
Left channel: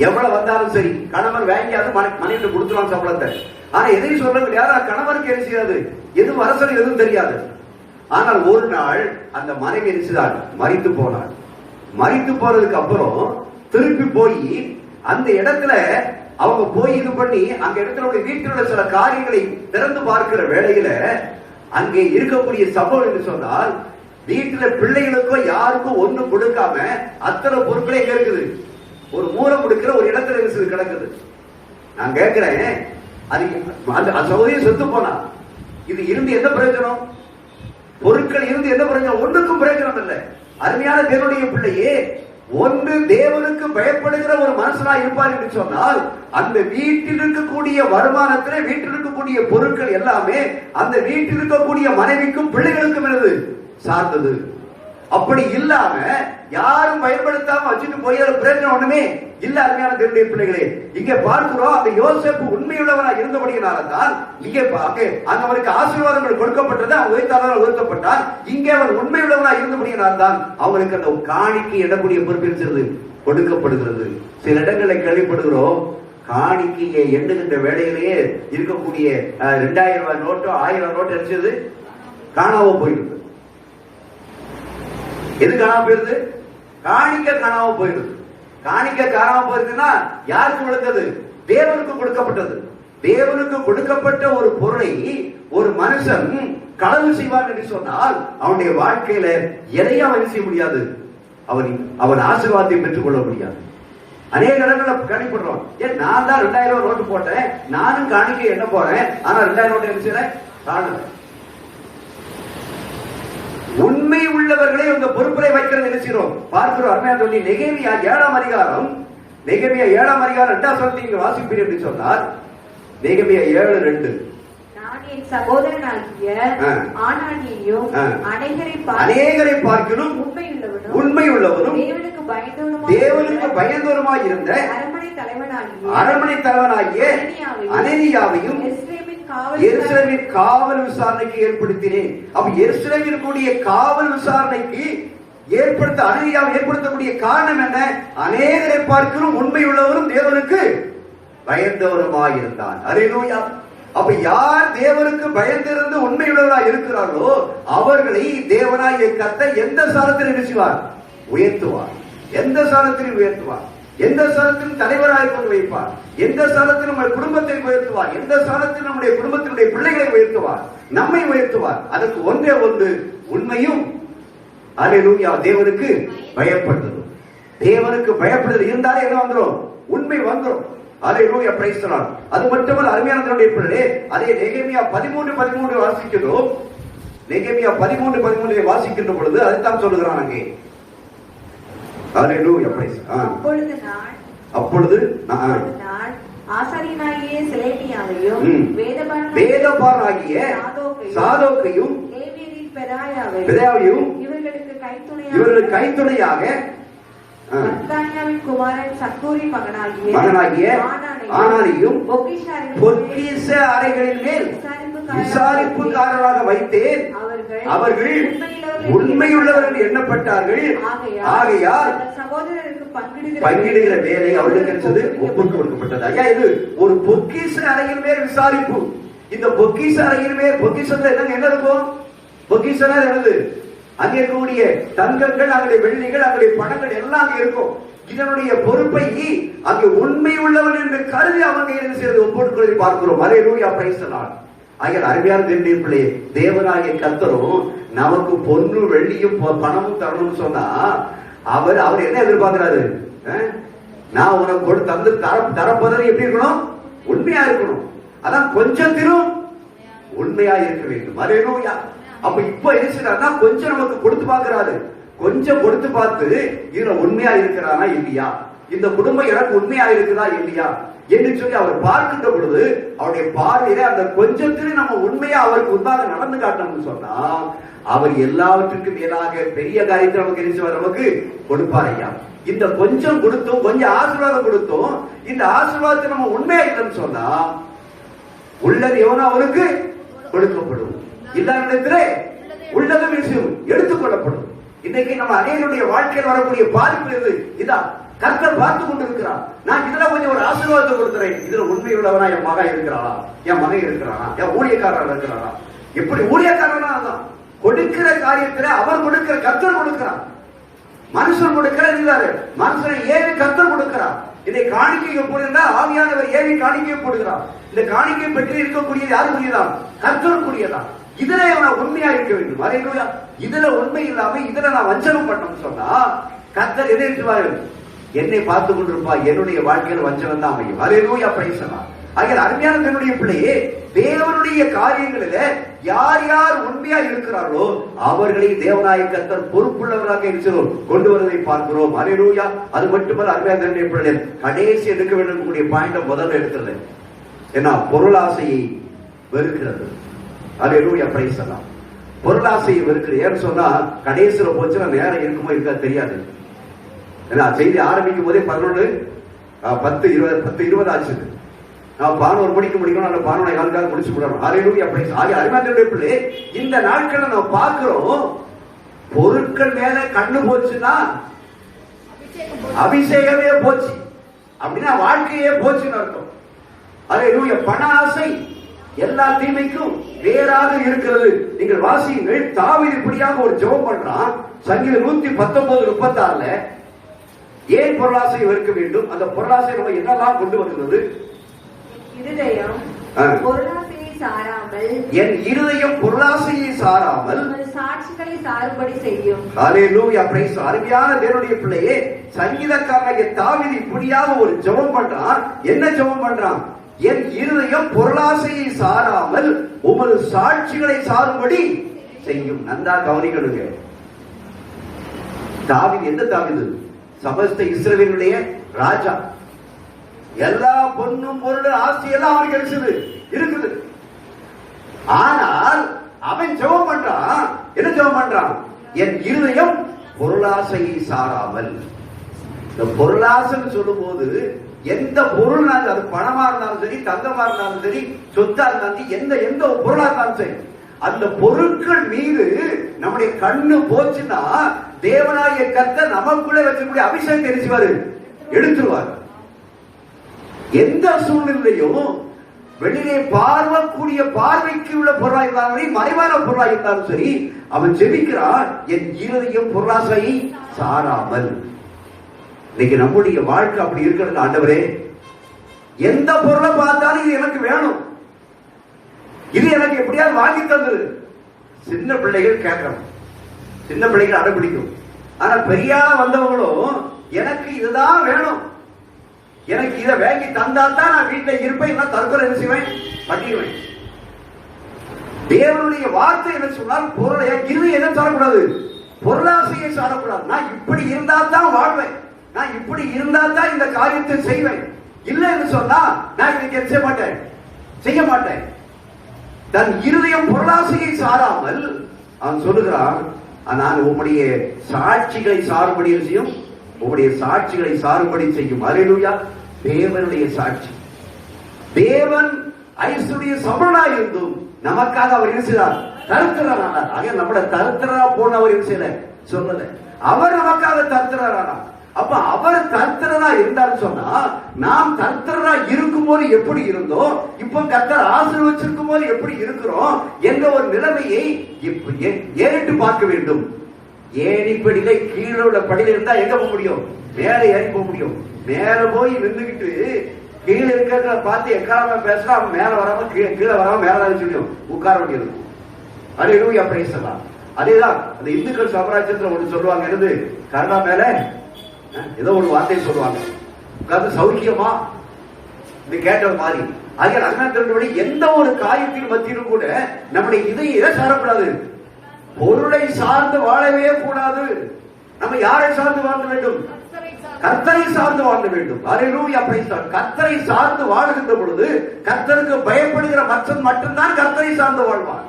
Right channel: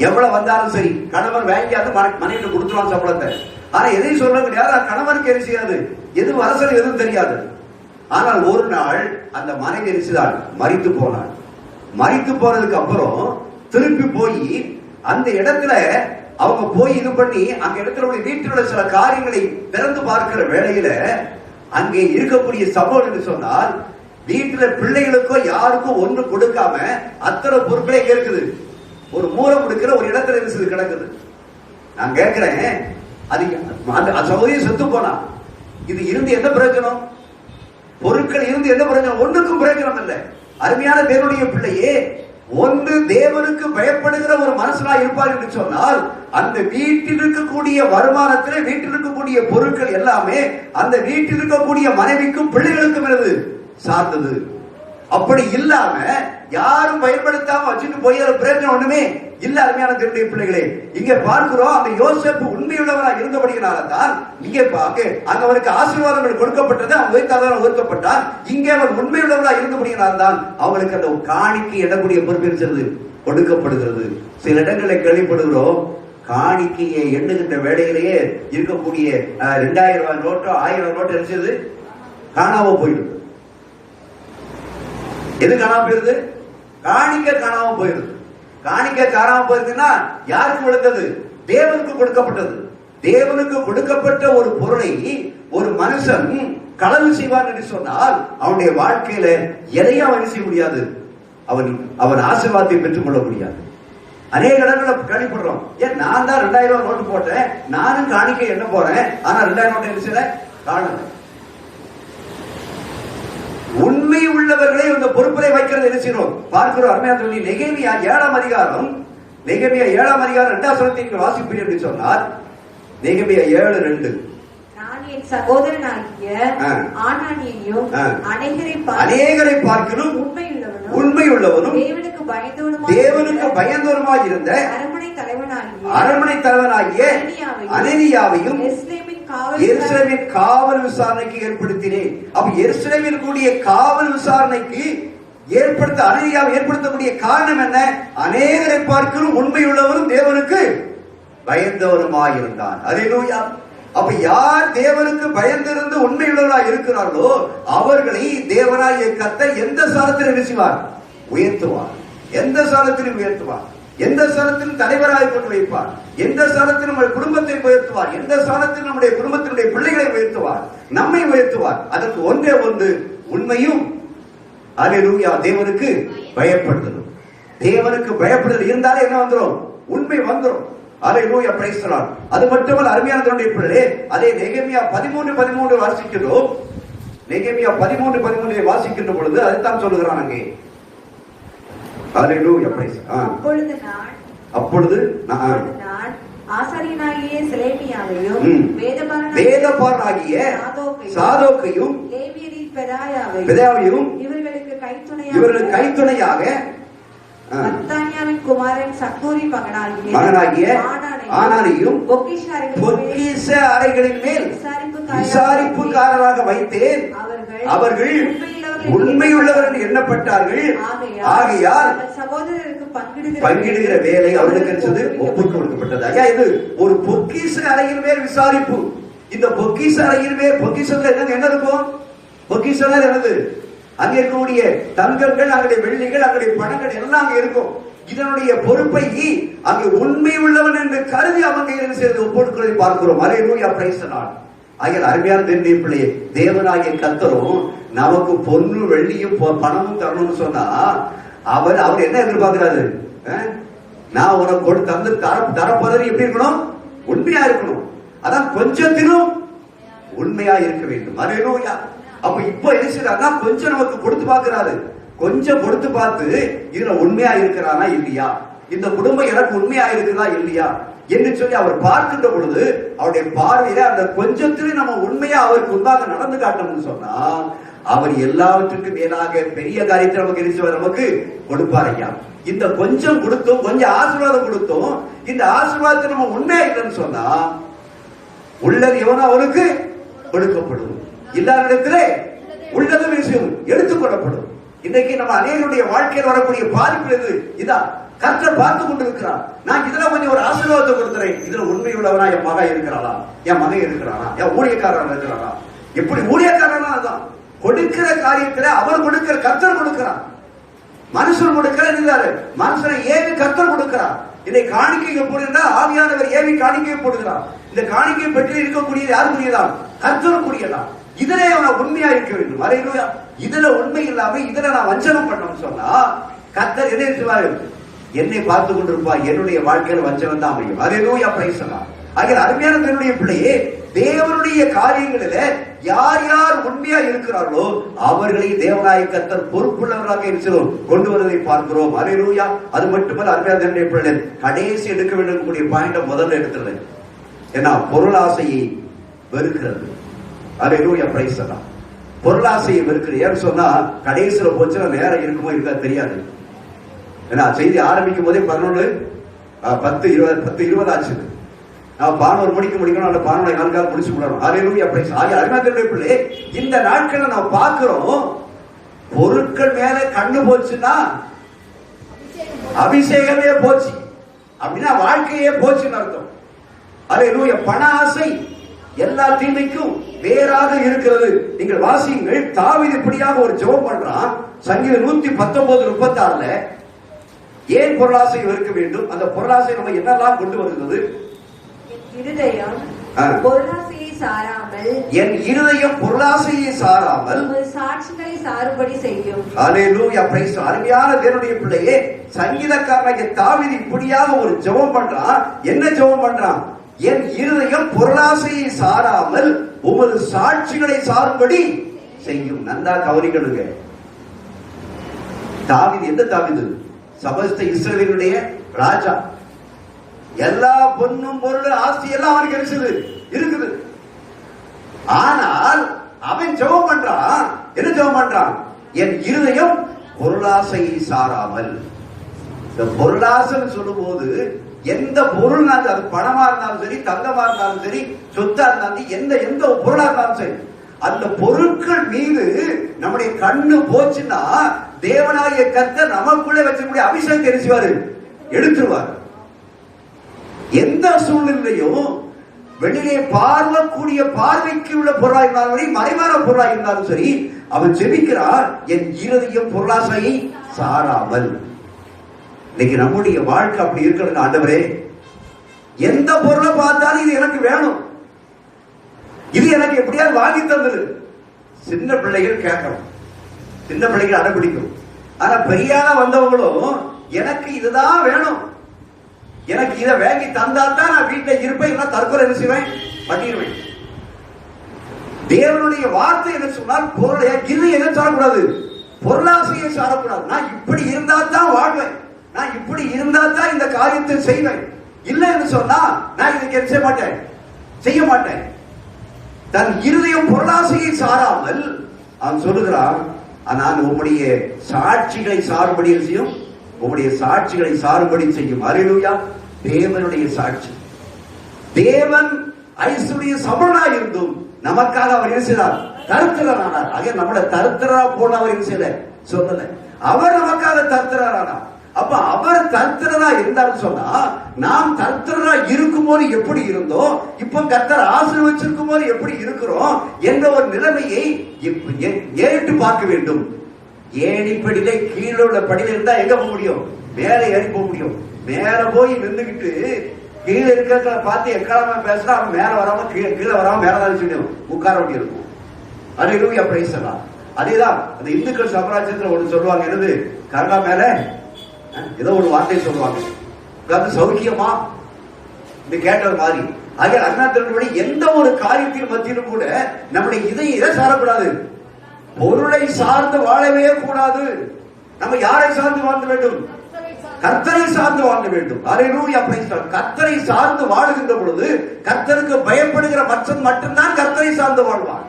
எவ்வளவு வந்தாலும் சரி, கணவன் வாங்கியாவது மனைவிட்டு கொடுத்துருவான் சம்பளத்தை. ஆனா எதையும் சொல்ல முடியாது. கணவனுக்கு என்ன செய்யாது? எது அரசு எதுவும் தெரியாது. ஆனால் ஒரு நாள் அந்த மனைவி என்ன செய்தாள்? மரித்து போனாள். மரித்து போனதுக்கு அப்புறம் திருப்பி போய் அந்த இடத்துல அவங்க போய் இது பண்ணி அந்த இடத்துல வீட்டில் உள்ள சில காரியங்களை திறந்து பார்க்கிற வேளையில அங்கே இருக்கக்கூடிய சம்பவம் என்று சொன்னால், வீட்டுல பிள்ளைகளுக்கோ யாருக்கும் ஒண்ணு கொடுக்காம அத்தனை பொருட்களே இருக்குது. ஒரு மூலம் கொடுக்கிற ஒரு இடத்துல இருக்குது, கிடக்குது. நான் கேட்கிறேன், அதுக்கு அந்த சகோதரியை செத்து போனா இது இருந்து எந்த பிரயோஜனம்? பொருட்கள் இருந்து எந்த பிரயோஜனம்? ஒன்றுக்கும் பிரயோஜனம் இல்லை. அருமையான தேவனுடைய பிள்ளையே, ஒன்று தேவனுக்கு பயப்படுகிற ஒரு மனுஷனா இருப்பார் என்று சொன்னால், அந்த வீட்டில் இருக்கக்கூடிய வருமானத்திலே வீட்டில் இருக்கக்கூடிய பொருட்கள் எல்லாமே அந்த வீட்டில் இருக்கக்கூடிய மனைவிக்கும் பிள்ளைகளுக்கும் சார்ந்தது. அப்படி இல்லாம யாரும் பயன்படுத்தாம வச்சுட்டு போய் பிரயோஜனம் ஒண்ணுமே இல்ல. அருமையான தேவனுடைய பிள்ளைகளே, இங்க பார்க்கிறோம், அந்த யோசேப்பு உண்மையுள்ளவனாக இருந்தபடியினால்தான் இங்கே அவருக்கு ஆசீர்வாதங்கள் கொடுக்கப்பட்டது. அவன் உயர்த்தப்பட்டான். இங்கே அவர் உண்மையுள்ளவனாக இருந்தபடியினால்தான் அவங்களுக்கு அந்த காணிக்கை இடக்கூடிய பொறுப்பு கொடுக்கப்படுகிறது. சில இடங்களை கேள்விப்படுகிறோம், காணிக்கையை எண்ணுகின்ற வேலையிலேயே இருக்கக்கூடிய 2000 ரூபாய் நோட்டோ 1000 நோட்டு நினைச்சது காணாம போயிடுது. எது காணாம போயிருது? காணிக்க காணாம போயிருது. காணிக்க காணாம போயிருதுன்னா யாருக்கு விழுந்தது? தேவனுக்கு கொடுக்கப்பட்டது. தேவனுக்கு கொடுக்கப்பட்ட ஒரு பொருளை ஒரு மனுஷன் களவு செய்வான் என்று சொன்னால் அவனுடைய வாழ்க்கையில எதையும் அவன் செய்ய முடியாது. அவன் ஆசீர்வாதத்தை பெற்றுக் கொள்ள முடியாது. அநேக இடங்களில் கணிப்படுறோம். ஏன் நான் தான் 2000 ரூபாய் நோட்டு போட்டேன், நானும் காணிக்கை என்ன போறேன், ஆனா 2000 நோட்டு என்ன காணல. உண்மை உள்ளவர்களை இந்த பொறுப்பை வைக்கிறது என்ன செய்யறோம் பார்க்கிறோம். அருமையா சொல்லி நெகேமியா 7ஆம் அதிகாரம் 2ஆம் வசனத்தை வாசிப்பீர் என்று சொன்னார். நெகேமியா 7:2 சகோதரனாகிய ஆனானியையும் அநேகரை பார்க்கிலும் உண்மை உள்ளவனும் தேவனுக்கு பயந்தவருமாய் இருந்த அரண்மனை தலைவனாகிய அனனியாவையும் எருசலேமின் காவல் விசாரணைக்கு ஏற்படுத்தினேன். அப்ப எருசலேமில் கூடிய காவல் விசாரணைக்கு அனனியாவை ஏற்படுத்தக்கூடிய காரணம் என்ன? அநேகரை பார்க்கிலும் உண்மை உள்ளவரும் தேவனுக்கு பயந்தவருமாய் இருந்தான். அல்லேலூயா. அப்ப யார் தேவனுக்கு பயந்திருந்து உண்மையுள்ளவர்களாக இருக்கிறார்களோ அவர்களை தேவனாகிய கர்த்தர் எந்த ஸ்தானத்தில் நிறுத்துவார்? உயர்த்துவார். எந்த ஸ்தானத்திலும் உயர்த்துவார். எந்த ஸ்தானத்திலும் தலைவராக கொண்டு வைப்பார். எந்த ஸ்தானத்திலும் நம்முடைய குடும்பத்தை உயர்த்துவார். எந்த ஸ்தானத்திலும் நம்முடைய குடும்பத்தினுடைய பிள்ளைகளை உயர்த்துவார். நம்மை உயர்த்துவார். அதற்கு ஒன்றே ஒன்று, உண்மையும் அல்லேலூயா தேவனுக்கு பயப்படுதல். தேவனுக்கு பயப்படுதல் இருந்தாலே என்ன வந்துடும்? உண்மை வந்துடும். அல்லேலூயா, பிரைஸ் தி லார்ட். அது மட்டுமல்ல அருமையான தேவனுடைய பிள்ளைகளே, அதே நெகேமியா 13:13 வாசிக்கிறோம். நெகேமியா 13:13 வாசிக்கின்ற பொழுது அதைத்தான் சொல்லுகிறான் அங்கே. அல்லேலூயா, பிரைஸ். அப்பொழுது நான் ஆசாரியனாகிய செலேமியாவையும் வேதபாரனாகிய சாதோக்கையும் பெதாயாவையும் இவர்களுக்கு கைத்துணையாக மத்தானியாவின் குமாரன் சக்கூரி மகனாகிய ஆனானியும் பொக்கிஷ அறைகளின் மேல் விசாரிப்புக்காரராக வைத்தேன். அவர்கள் உண்மையுள்ளவர்கள் எண்ணப்பட்டார்கள். ஆகையால் பங்கிடுகிற வேலை அவர்களுக்கு ஒப்புக் கொடுக்கப்பட்டது. ஐயா, இது ஒரு பொக்கிஷ அறையின் மேல் விசாரிப்பு. இந்த பொக்கிஷ அறையின் மேல் பொக்கிஷத்துல என்ன இருக்கும்? பொக்கிஷம் என்னது? அங்க இருக்கக்கூடிய தங்கங்கள், அங்கே வெள்ளிகள், அங்கே பணங்கள் எல்லாம் அங்க இருக்கும். இதனுடைய பொறுப்பை அங்கே உண்மை உள்ளவன் என்று கருதி அவங்க என்ன செய்து ஒப்புக்கொள்ளி பார்க்கிறோம். அல்லேலூயா, பிரைஸ் தி லார்ட். ஆகிய அருமையான தேவனுடைய பிள்ளையே, தேவனாகிய கர்த்தரும் நமக்கு பொண்ணு வெள்ளியும் பணமும் தரணும்னு சொன்னா அவர் என்ன எதிர்பார்க்கிறாரு? நான் உனக்கு தந்து தரப்போதனை எப்படி இருக்கணும்? உண்மையா இருக்கணும். அதான் கொஞ்சத்திலும் உண்மையா இருக்க வேண்டும். அல்லேலூயா. அப்ப இப்ப என்ன செய்யறாருன்னா கொஞ்சம் நமக்கு கொடுத்து பார்க்கிறாரு. கொஞ்சம் கொடுத்து பார்த்து இதுல உண்மையா இருக்கிறானா இல்லையா, இந்த குடும்பம் எனக்கு உண்மையா இருக்குதா இல்லையா என்று சொல்லி அவர் பார்க்கின்ற பொழுது அவருடைய பார்வையில அந்த கொஞ்சத்திலும் நம்ம உண்மையா அவருக்கு முன்பாக நடந்து காட்டணும்னு சொன்னா அவர் எல்லாவற்றுக்கும் மேலாக பெரிய காரியத்தை நமக்கு நினைச்சு நமக்கு கொடுப்பார். ஐயா, இந்த கொஞ்சம் கொடுத்தும் கொஞ்சம் ஆசீர்வாதம் கொடுத்தும் இந்த ஆசீர்வாதத்தை நம்ம உண்மையா இல்லைன்னு சொன்னா உள்ளது எவனோ அவனுக்கு கொடுக்கப்படும், இல்லாத உள்ளதும் விஷயம் எடுத்துக் கொள்ளப்படும். இன்னைக்கு நம்ம அநேகருடைய வாழ்க்கையில் வரக்கூடிய பாதிப்பு எது? இதான் கர்த்தர் பார்த்து கொண்டிருக்கிறார். நான் இதுல கொஞ்சம் ஒரு ஆசீர்வாதத்தை கொடுக்கிறேன். இதுல உண்மை உள்ளவனா என் மகன் இருக்கிறாளா, என் மகன் இருக்கிறானா, என் ஊழியக்காரன் இருக்கிறானா? எப்படி ஊழியக்காரனா? அதான் கொடுக்கிற காரியத்துல அவர் கொடுக்கிற, கர்த்தர் கொடுக்கிறார். மனுஷன் கொடுக்கிறார். மனுஷனை ஏவி கர்த்தர் கொடுக்கிறார். இதை காணிக்கை போடுகிறா ஆவியானவர் ஏவி காணிக்கையை போடுகிறார். இந்த காணிக்கை பற்றி இருக்கக்கூடியது யார் கூடியதான்? கர்த்தர் கூடியதான். இதுல நான் உண்மையா இருக்க வேண்டும். அல்லேலூயா. இதுல உண்மை இல்லாம இதுல நான் வஞ்சனம் பண்ணணும்னு சொன்னா கர்த்தர் எதை சொல்வாரு? என்னை பார்த்து கொண்டிருப்பா, என்னுடைய வாழ்க்கையில வஞ்சனம் தான் அமையும். அல்லேலூயா, பிரைஸ் தி லார்ட். ஆகிய அருமையான தேவனுடைய பிள்ளையே, தேவனுடைய காரியங்களில யார் யார் உண்மையா இருக்கிறார்களோ அவர்களை தேவனாய கர்த்தர் பொறுப்புள்ளவராக கொண்டு வருவதை பார்க்கிறோம். அல்லேலூயா. அது மட்டுமல்ல அருமையான தேவனுடைய பிள்ளை, கடைசி எடுக்க வேண்டிய பாயிண்ட் முதல்ல எடுக்கிறது ஏன்னா பொருளாசையை வெறுக்கிறது. அல்லேலூயா, பிரைஸ் தி லார்ட். பொருளாசையை வெறுக்கிறது. ஏன்னு சொன்னா கடைசியில போச்சுன்னா நேரம் இருக்குமோ இருக்கா தெரியாது. ஏன்னா செய்தி ஆரம்பிக்கும் போதே 11:10 ஆச்சு. நான் 11 மணிக்கு முடிக்கணும், அந்த 11 முடிச்சு விடணும். அல்லேலூயா, பிரைஸ். ஆகிய அருமையான பிள்ளை, இந்த நாட்கள்ல நம்ம பார்க்கிறோம் பொருட்கள் மேல கண்ணு போச்சுன்னா அபிஷேகமே போச்சு. அப்படின்னா வாழ்க்கையே போச்சுன்னு அர்த்தம். அல்லேலூயா. பண ஆசை எல்லா தீமைக்கும் வேறாக இருக்கிறது. நீங்கள் வாசியுங்கள், தாவீது இப்படியாக ஒரு ஜெபம் பண்றான். சங்கீதம் 119:36 ஏன் பொருளாசை வெறுக்க வேண்டும்? அந்த பொருளாசை நம்ம என்னெல்லாம் கொண்டு வருகிறது? இருதயம் பொருளாசையை சாராமல், என் இருதயம் பொருளாசையை சாராமல் சாட்சிகளை சாறுபடி செய்யும். அல்லேலூயா. பிரைஸ். அருமையான தேவனுடைய பிள்ளையே, சங்கீதக்காரனாகிய தாவீது இப்படியாக ஒரு ஜெபம் பண்றான். என்ன ஜெபம் பண்றான்? என் இருதயம் பொருளாசையை சாராமல் உமது சாட்சிகளை சாரும்படி செய்யும். நன்றா கவனிக்கணுங்க. தாவீது எந்த தாவீது? சமஸ்த இஸ்ரவேலுடைய ராஜா. எல்லா பொன்னும் பொருளும் ஆஸ்தி எல்லாம் அவனுக்கு இருக்குது. ஆனால் அவன் ஜெபம் பண்றான். என்ன ஜெபம் பண்றான்? என் இருதயம் பொருளாசையை சாராமல். இந்த பொருளாசைன்னு சொல்லும் போது எந்த பொருள், அது பணமா இருந்தாலும் சரி, தங்கமா இருந்தாலும் சரி, சொத்தா இருந்தாலும் எந்த பொருளா இருந்தாலும் சரி, அந்த பொருட்கள் மீது நம்முடைய கண்ணு போச்சுன்னா தேவனாகிய கர்த்தர் நமக்குள்ளே வச்சிருக்கூடிய அபிஷேகம் தெரிச்சுவாரு, எடுத்துருவார். எந்த சூழ்நிலையும் வெளியே பார்வக்கூடிய பார்வைக்கு உள்ள பொருளா இருந்தாலும் சரி, மறைவான பொருளா இருந்தாலும் சரி, அவன் ஜெபிக்கிறான், என் இருதயம் பொருளாசையை சாராமல். இன்னைக்கு நம்முடைய வாழ்க்கை அப்படி இருக்கிறது. ஆண்டவரே, எந்த பொருளை பார்த்தாலும் இது எனக்கு வேணும், இது எனக்கு எப்படியாவது வாங்கி தந்துரு. சின்ன பிள்ளைகள் கேட்கணும், சின்ன பிள்ளைகள் அடம்பிடிக்கும். ஆனா பெரியார வந்தவங்களும் எனக்கு இதுதான் வேணும், எனக்கு இதை வாங்கி தந்தால்தான் நான் வீட்டில் இருப்பேன், தற்கொலை செய்வேன், பண்ணிடுவேன். தேவனுடைய வார்த்தை என்ன சொன்னால், பொருளை இது எதை சாரக்கூடாது, பொருளாசையை சாரக்கூடாது. நான் இப்படி இருந்தா தான் வாழ்வேன், நான் இப்படி இருந்தா தான் இந்த காரியத்தை செய்வேன். இல்லைன்னு சொன்னா நான் இதுக்கு செய்ய மாட்டேன். தன் இருதயம் பொருளாசையை சாராமல் அவன் சொல்லுகிறான், நான் உம்முடைய சாட்சிகளை சாறுபடி செய்யும், உம்முடைய சாட்சிகளை சாறுபடி செய்யும். அல்லேலூயா. தேவனுடைய சாட்சி. தேவன் ஐசுடைய சபலனாய் இருந்தும் நமக்காக அவர் என்ன செய்தார்? தருத்திரரானார். ஆக நம்மள தருத்திரரா போன அவர் என்ன செய்யல, சொல்லல. அவர் நமக்காக தருத்திரரானார். அப்ப அவர் தருத்திரரா இருந்தான்னு சொன்னா, நாம் தருத்திரரா இருக்கும் போது எப்படி இருந்தோம், இப்ப கர்த்தர் ஆசீர்வதிச்சிருக்கும் போது எப்படி இருக்கிறோம் என்ற ஒரு நிலைமையை ஏறிட்டு பார்க்க வேண்டும். ஏணிப்படியில கீழே உள்ள படியில இருந்தா எங்க போக முடியும்? மேலே ஏறி போக முடியும். மேல போய் நின்றுகிட்டு கீழே இருக்கிறத பார்த்து எக்காலமா பேசினா அவன் மேல வராம கீழே வராம மேலதான் சொல்லியும் உட்கார முடியும். அல்லேலூயா. பேசலாம். அதேதான் அந்த இந்துக்கள் சாம்ராஜ்யத்துல ஒன்று சொல்லுவாங்க, என்னது, கருணா மேல ஏதோ ஒரு வார்த்தை சொல்லுவாங்க, அதாவது சௌக்கியமா இது கேட்டது மாதிரி. ஆக அருணாச்சலபடி எந்த ஒரு காரியத்தின் மத்தியிலும் கூட நம்முடைய இதை சாரக்கூடாது, பொருளை சார்ந்து வாழவே கூடாது. நம்ம யாரை சார்ந்து வாழ வேண்டும்? கர்த்தரை சார்ந்து வாழ வேண்டும். அல்லேலூயா. கர்த்தரை சார்ந்து வாழுகின்ற பொழுது கர்த்தருக்கு பயப்படுகிற மனுஷன் மட்டும்தான் கர்த்தரை சார்ந்து வாழ்வான்.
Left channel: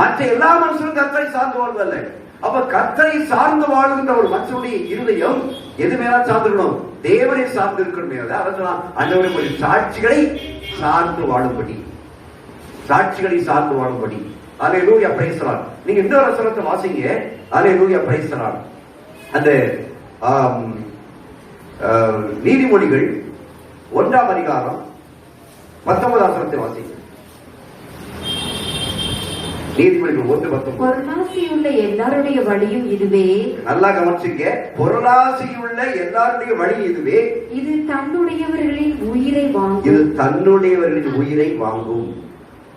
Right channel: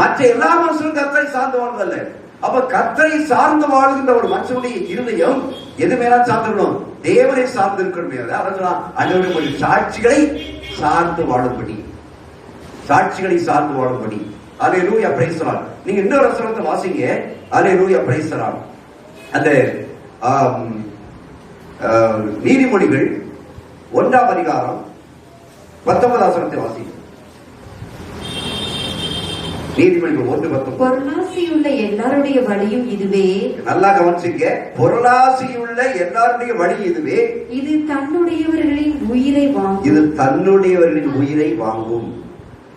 மற்ற எல்லா மனுஷனும் கர்த்தரை சார்ந்து வாழ்வதில்லை. அப்ப கர்த்தரை சார்ந்து வாழ்கின்ற ஒரு மனுஷனுடைய இருதயம் எது மேல சார்ந்திருக்கணும்? தேவனை சார்ந்து இருக்கணும். சாட்சிகளை சார்ந்து வாழும்படி, சாட்சிகளை சார்ந்து வாழும்படி. அல்லேலூயா. Praise the Lord. நீங்க இன்னொரு வசனத்தை வாசிங்க. அல்லேலூயா. Praise the Lord. அந்த நீதிமொழிகள் 1ஆம் அதிகாரம் 19ஆம் வசனத்தை வாசிங்க. நீதிமொழிகள் 1:19. பொருளாசையுள்ள எல்லாருடைய வழியும் இதுவே. நல்லா கவனிச்சுங்க. பொருளாசையுள்ள எல்லாருடைய வழி இதுவே, இது தன்னுடையவர்களின் உயிரை வாங்கும். இது தன்னுடையவர்களின் உயிரை வாங்கும்.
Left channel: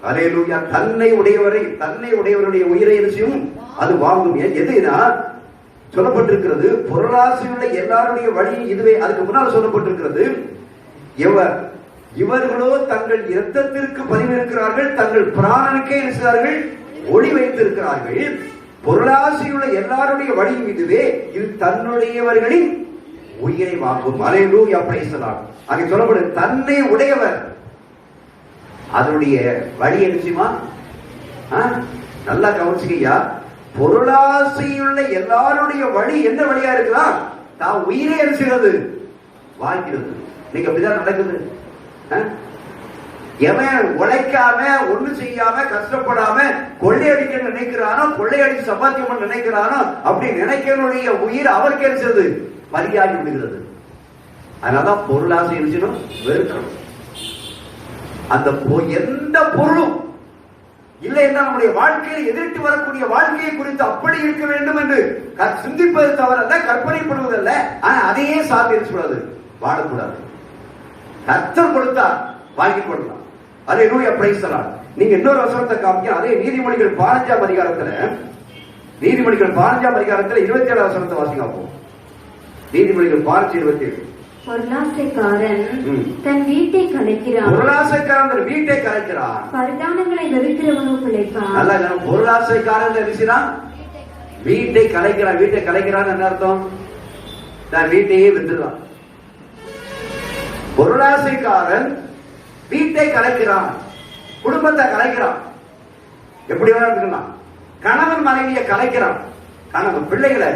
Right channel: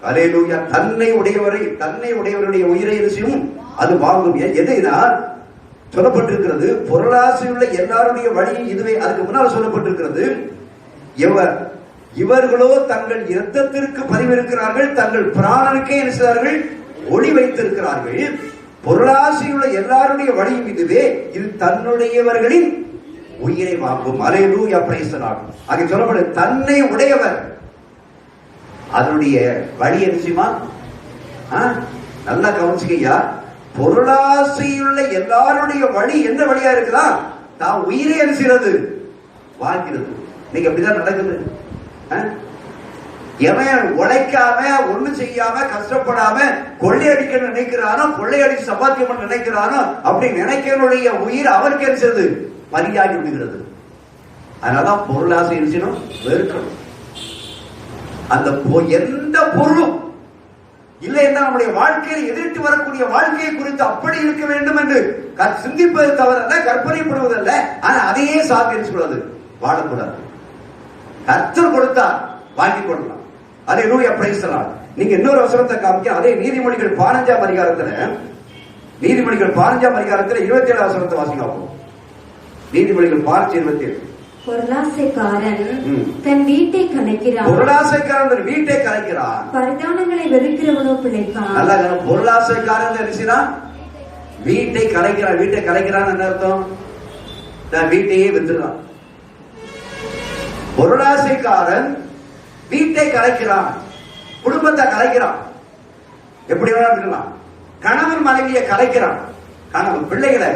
அல்லேலூயா. தன்னை உடையவருடைய உயிரை செய்யும், அது வாங்கும். எதுனா சொல்லப்பட்டிருக்கிறது, பொருளாசையுள்ள எல்லாருடைய வழி இதுவே. அதுக்கு முன்னால் சொல்லப்பட்டிருக்கிறது, இவர்களோ தங்கள் இரத்தத்திற்கு பரிவிருக்கிறார்கள், தங்கள் பிராணனுக்கே இருக்கிறார்கள், ஒளி வைத்திருக்கிறார்கள். பொருளாசையுள்ள எல்லாருடைய வழியும் இதுவே, இது தன்னுடையவர்களின் உயிரை வாங்கும். அல்லேலூயா. Praise the Lord. அங்கே சொல்லப்படுது, தன்னை உடையவர் அதனுடைய வழி என்ன? நல்லா கவனிச்சுக்கையா. பொருளாசையுள்ள எல்லாருடைய வழி என்ன வழியா இருக்கலாம்? தான் உயிரை அரிசிறது வாங்கிறது. இன்னைக்கு அப்படிதான் நடக்குது. எவன் உழைக்காம ஒண்ணு செய்யாம கஷ்டப்படாம கொள்ளையடிக்க நினைக்கிறானோ, கொள்ளையடிச்சு சம்பாத்தியம் நினைக்கிறானோ, அப்படி நினைக்கிறனுடைய உயிர் அவருக்கு இருக்கிறது பலியாகி விடுகிறது. அதனாலதான் பொருளாசை இருந்துச்சுன்னா வெறுக்கணும். அந்த எந்த பொருளும் இல்லை என்றால் நம்முடைய வாழ்க்கையில் எதிர்த்து வரக்கூடிய வாழ்க்கையை குறித்து அப்படி இருக்க வேண்டும் என்று சிந்திப்பது தவறல்ல, கற்பனைப்படுவதல்ல. ஆனா அதையே சாத்தியம் சொல்றது வாழக்கூடாது. கர்த்தர் கொடுத்தார் வாங்கி கொள்ளலாம். அது என்னுடைய பிரைஸ் எல்லாம். நீங்க இன்னொரு வசனத்தை காமிக்க, அதே நீதிமொழிகள் 15ஆம் அதிகாரத்துல, நீதிமொழிகள் 15ஆம் அதிகாரத்துல 27 வசனத்தை வாசிங்க. நீதிமொழிகள் 15:27. பொருளாசைக்காரன் தன் வீட்டை கலைக்கிறான். பொருளாசைக்காரன் தன் வீட்டை கலைக்கிறான். பரிதானங்களை வெறுக்கிறவனோ பிழைப்பான். நல்லா பொருளாசைக்காரன் என்ன வீட்டை கலைக்கிறான். வீட்டை கலைக்கிறான் என்ன அர்த்தம்? நான் வீட்டையே வித்துறான். பொருளாசைக்காரன் வீட்டை கலைக்கிறான், குடும்பத்தை கலைக்கிறான். எப்படி வேணா இருக்கலாம். கணவன் மனைவியை கலைக்கிறான், கணவன் பிள்ளைகளை,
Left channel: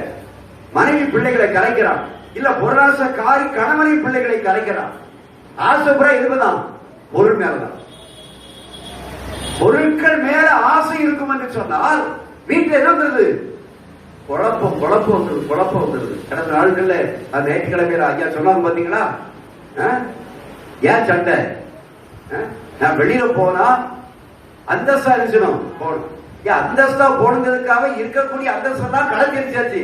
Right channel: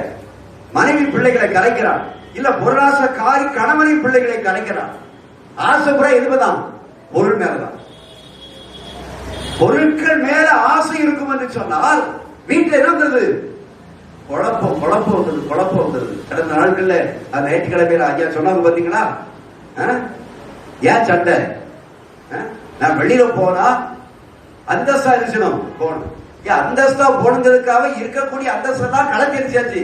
மனைவி பிள்ளைகளை கலைக்கிறான். இல்ல பொருளாசைக்காரி கணவனின் பிள்ளைகளை கலைக்கிறான். ஆசைப்புற எதுதான்? பொருள் மேலதான். பொருட்கள் மேல ஆசை இருக்கும் என்று சொன்னால் வீட்டில் என்ன வந்தது? குழப்பம் வந்தது, குழப்பம் வந்தது. கடந்த நாட்கள்ல அந்த ஞாயிற்றுக்கிழமையில ஐயா சொன்னாங்க பாத்தீங்களா? ஏன் சண்டை? நான் வெளியில போனா அந்தஸ்தா இருக்கணும் போனோம். அந்தஸ்தா போனதுக்காக இருக்கக்கூடிய அந்தஸ்தை தான் கலத்திருச்சாச்சு.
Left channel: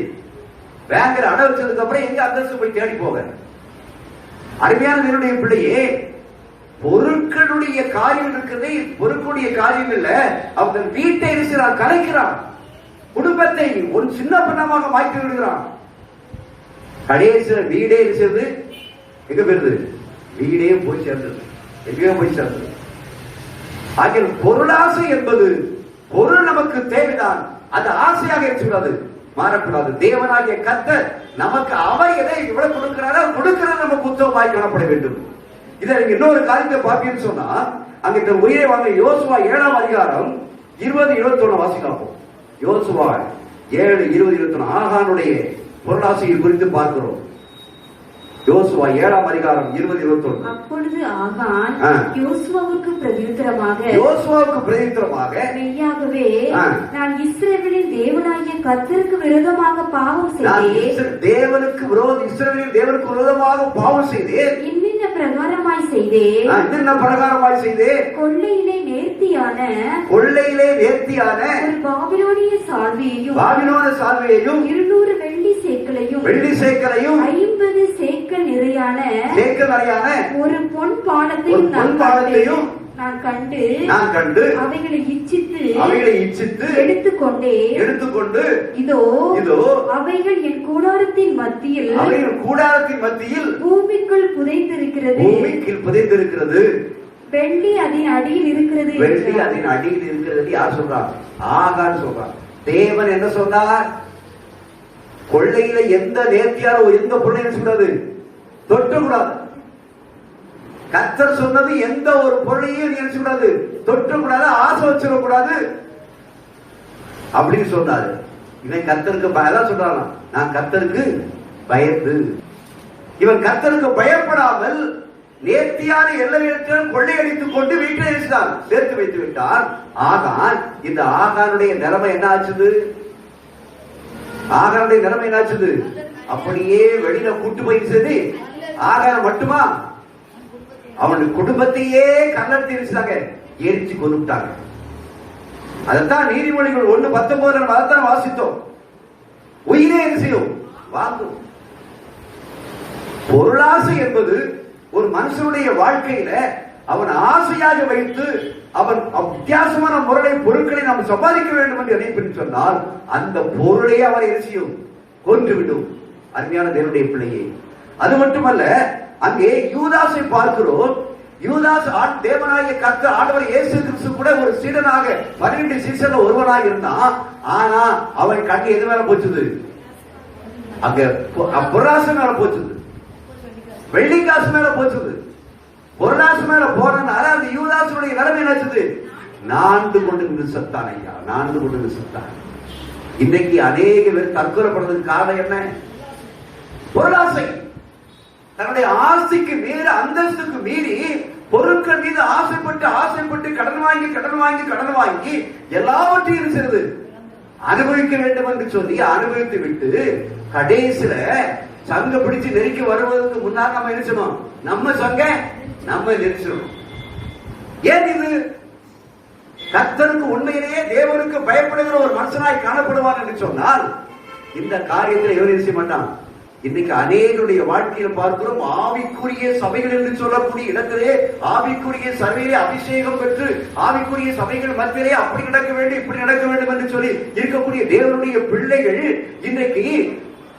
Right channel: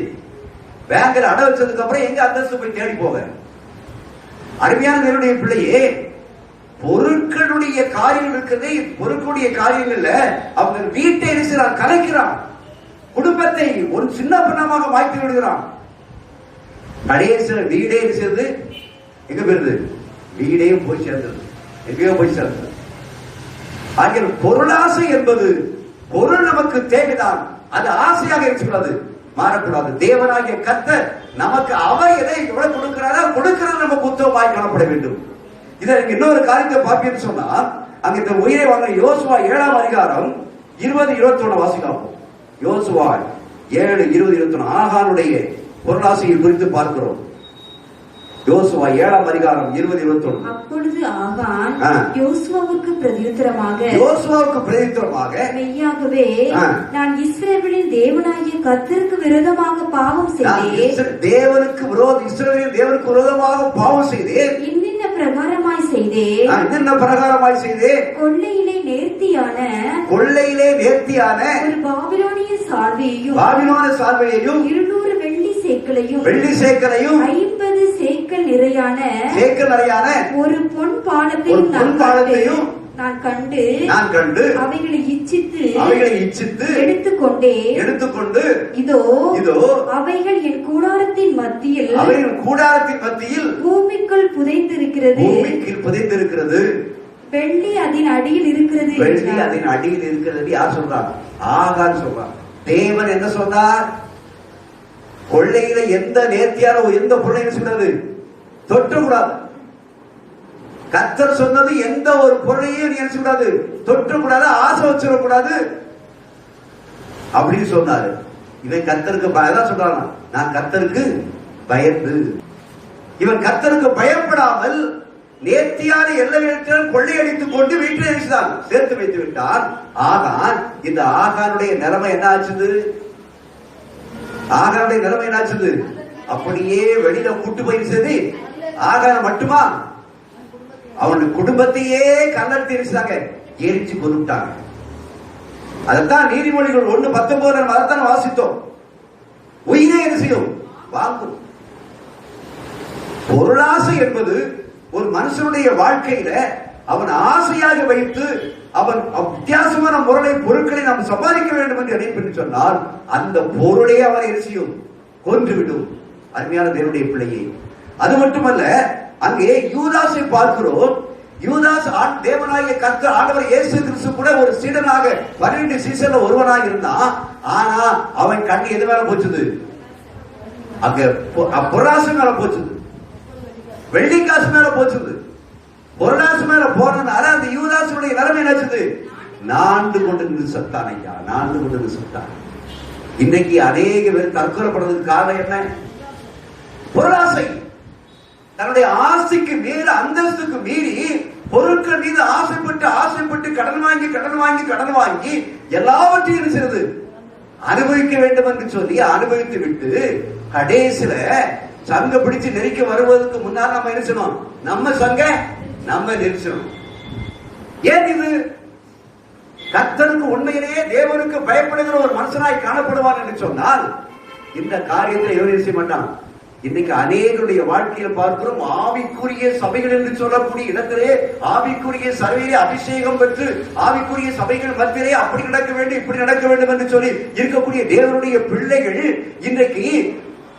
பேங்க்ல அடை வச்சதுக்கு அப்புறம் எங்க அந்தஸ்து போய் தேடி போக? அருமையான என்னுடைய பிள்ளையே, பொருட்களுடைய காரியம் இருக்கிறதே, பொருட்களுடைய காரியங்கள்ல அவங்க வீட்டை இருக்கிறான், கலைக்கிறான், குடும்பத்தை ஒரு சின்ன பின்னமாக மாற்றி விடுகிறான். கடைசியில் வீடே சேர்ந்து எங்க போயிருது? வீடே போய் சேர்ந்தது, எங்கேயோ போய் சேர்ந்தது. ஆகிய பொருளாசை என்பது பொருள் நமக்கு தேவைதான், அது ஆசையாக இருக்கிறது, மாறக்கூடாது. தேவனாகிய கர்த்தர் நமக்கு அவர் எதை எவ்வளவு கொடுக்கிறாரோ கொடுக்கிறது நமக்கு உத்தமமாய் காணப்பட வேண்டும். இதற்கு இன்னொரு காரியத்தை பார்ப்பீங்கன்னு சொன்னா, அங்க இந்த உயிரை வாங்க யோசுவா 7ஆம் அதிகாரம் 20-21 வாசிக்கலாம். யோசுவா 7:20-21 ஆகானுடைய பொருளாசையை குறித்து பார்க்கிறோம். யோசுவா 7ஆம் அதிகாரம் 20-21. அப்பொழுது ஆகான் யோசுவாவுக்கு பிரதியுத்தரமாக மெய்யாகவே நான் இஸ்ரவேலின் தேவனாகிய கர்த்தருக்கு விரோதமாக பாவம் செய்தேன். தேவனுக்கு விரோதம், இஸ்ரவேலின் தேவனுக்கு விரோதமாக பாவம் செய்தேன். இன்னின்ன பிரகாரமாய் செய்தேன். கொள்ளையிலே நேர்த்தியான ஒரு பாபிலோனிய சால்வையையும் 200 வெள்ளி சேக்கலையும் 50 சேக்கல் நிறையான ஒரு பொன் பானத்தையும் நான் கண்டு அவைகளை இச்சித்து எடுத்துக்கொண்டு இதோ அவைகள் என் கூடாரத்தின் மத்தியில் பூமிக்குள் புதைந்திருக்கிறது. வெள்ளி அதன் அடியில் இருக்கிறது. யார் சொல்றார்? ஆகான் சொல்றார். தேவன் என்ன சொன்னார்? கொள்ளையில எந்த நேர்த்தியான எந்த பொருளையும் சொன்னது தொற்றக்கூடாது. கர்த்தர் சொன்னது எந்த ஒரு பொருளையும் நீ என்ன கூடாது, தொற்றக்கூடாது, ஆசை வச்சிடக்கூடாது அப்படின்னு சொன்னாரு. இவன் கர்த்தருக்கு சொல்றான், நான் கர்த்தருக்கு பயந்து. இவன் கர்த்தருக்கு பயப்படாமல் நேர்த்தியான எல்லைகள் கொள்ளையடித்துக் கொண்டு வீட்டில் சேர்த்து வைத்து விட்டான். ஆகான், இந்த ஆகானுடைய நிலைமை என்ன ஆச்சுது? ஆகானுடைய நிலைமை என்னாச்சுது? அப்படியே வெளியில கூட்டு போய் சேர்ந்து ஆகான மட்டுமா அவனுடைய குடும்பத்தையே கல்லறுத்தி எரிச்சாங்க, எரிச்சு கொண்டுட்டாங்க. அதைத்தான் நீதிமொழிகள் 1:19 அதைத்தான் வாசித்தோம். உயிரே என்ன செய்யும்? வாங்கும். பொருளாசை என்பது ஒரு மனுஷனுடைய வாழ்க்கையில அவன் ஆசையாக வைத்து அவன் வித்தியாசமான பொருட்களை நாம் சம்பாதிக்க வேண்டும் என்று நினைப்பு சொன்னால் அந்த பொருளே அவனை எரிசியும் கொன்றுவிடும். அருமையான தேவனுடைய பிள்ளையே, அது மட்டுமல்ல, அங்கே யூதாசை பார்க்கிறோம். யூதாஸ் தேவனாகிய கர்த்தர் ஆண்டவர் இயேசு கிறிஸ்து கூட ஒரு சீடனாக 12 சீசன்ல ஒருவனாக இருந்தான். ஆனா அவன் கண்ணு எது மேல போச்சுது? அங்க பொருளாசை மேல போச்சுது, வெள்ளிக்காசு மேல போச்சுது. பொருளாசை மேல போனதுனால அந்த யூதாசுடைய நிலைமை என்னாச்சுது? நான்கு கொண்டு நின்று செத்தான். ஐயா, நான்கு கொண்டு நின்று செத்தான். இன்றைக்கு அநேக பேர் தற்கொலைப்படுறதுக்கு காரணம் என்ன? பொருளாசை. தன்னுடைய ஆசைக்கு மீறி, அந்தஸ்துக்கு மீறி பொருட்கள் மீது ஆசைப்பட்டு கடன் வாங்கி எல்லாவற்றையும் செய்து அனுபவிக்க வேண்டும் என்று சொல்லி அனுபவித்து விட்டு கடைசியில சங்க பிடிச்சு நெருக்கி வருவதற்கு முன்னால் நம்ம என்ன செய்யணும்? நம்ம சங்க நம்ம நெரிச்சணும். ஏன் இது? கர்த்தருக்கு உண்மையிலேயே தேவனுக்கு பயப்படுகிற ஒரு மனுஷனாய் காணப்படுவான் என்று சொன்னால் இந்த காரியத்தை எவரும் செய்ய மாட்டான். இன்னைக்கு அநேகருடைய வாழ்க்கையில பார்க்கிறோம், ஆவிக்குரிய சபைகள் என்று சொல்லக்கூடிய இடத்திலே, ஆவிக்குரிய சபையிலே அபிஷேகம் பெற்று ஆவிக்குரிய சபைகள் மத்தியிலே அப்படி நடக்க வேண்டும் இப்படி நடக்க வேண்டும் என்று சொல்லி இருக்கக்கூடிய தேவனுடைய பிள்ளைகள் இன்றைக்கு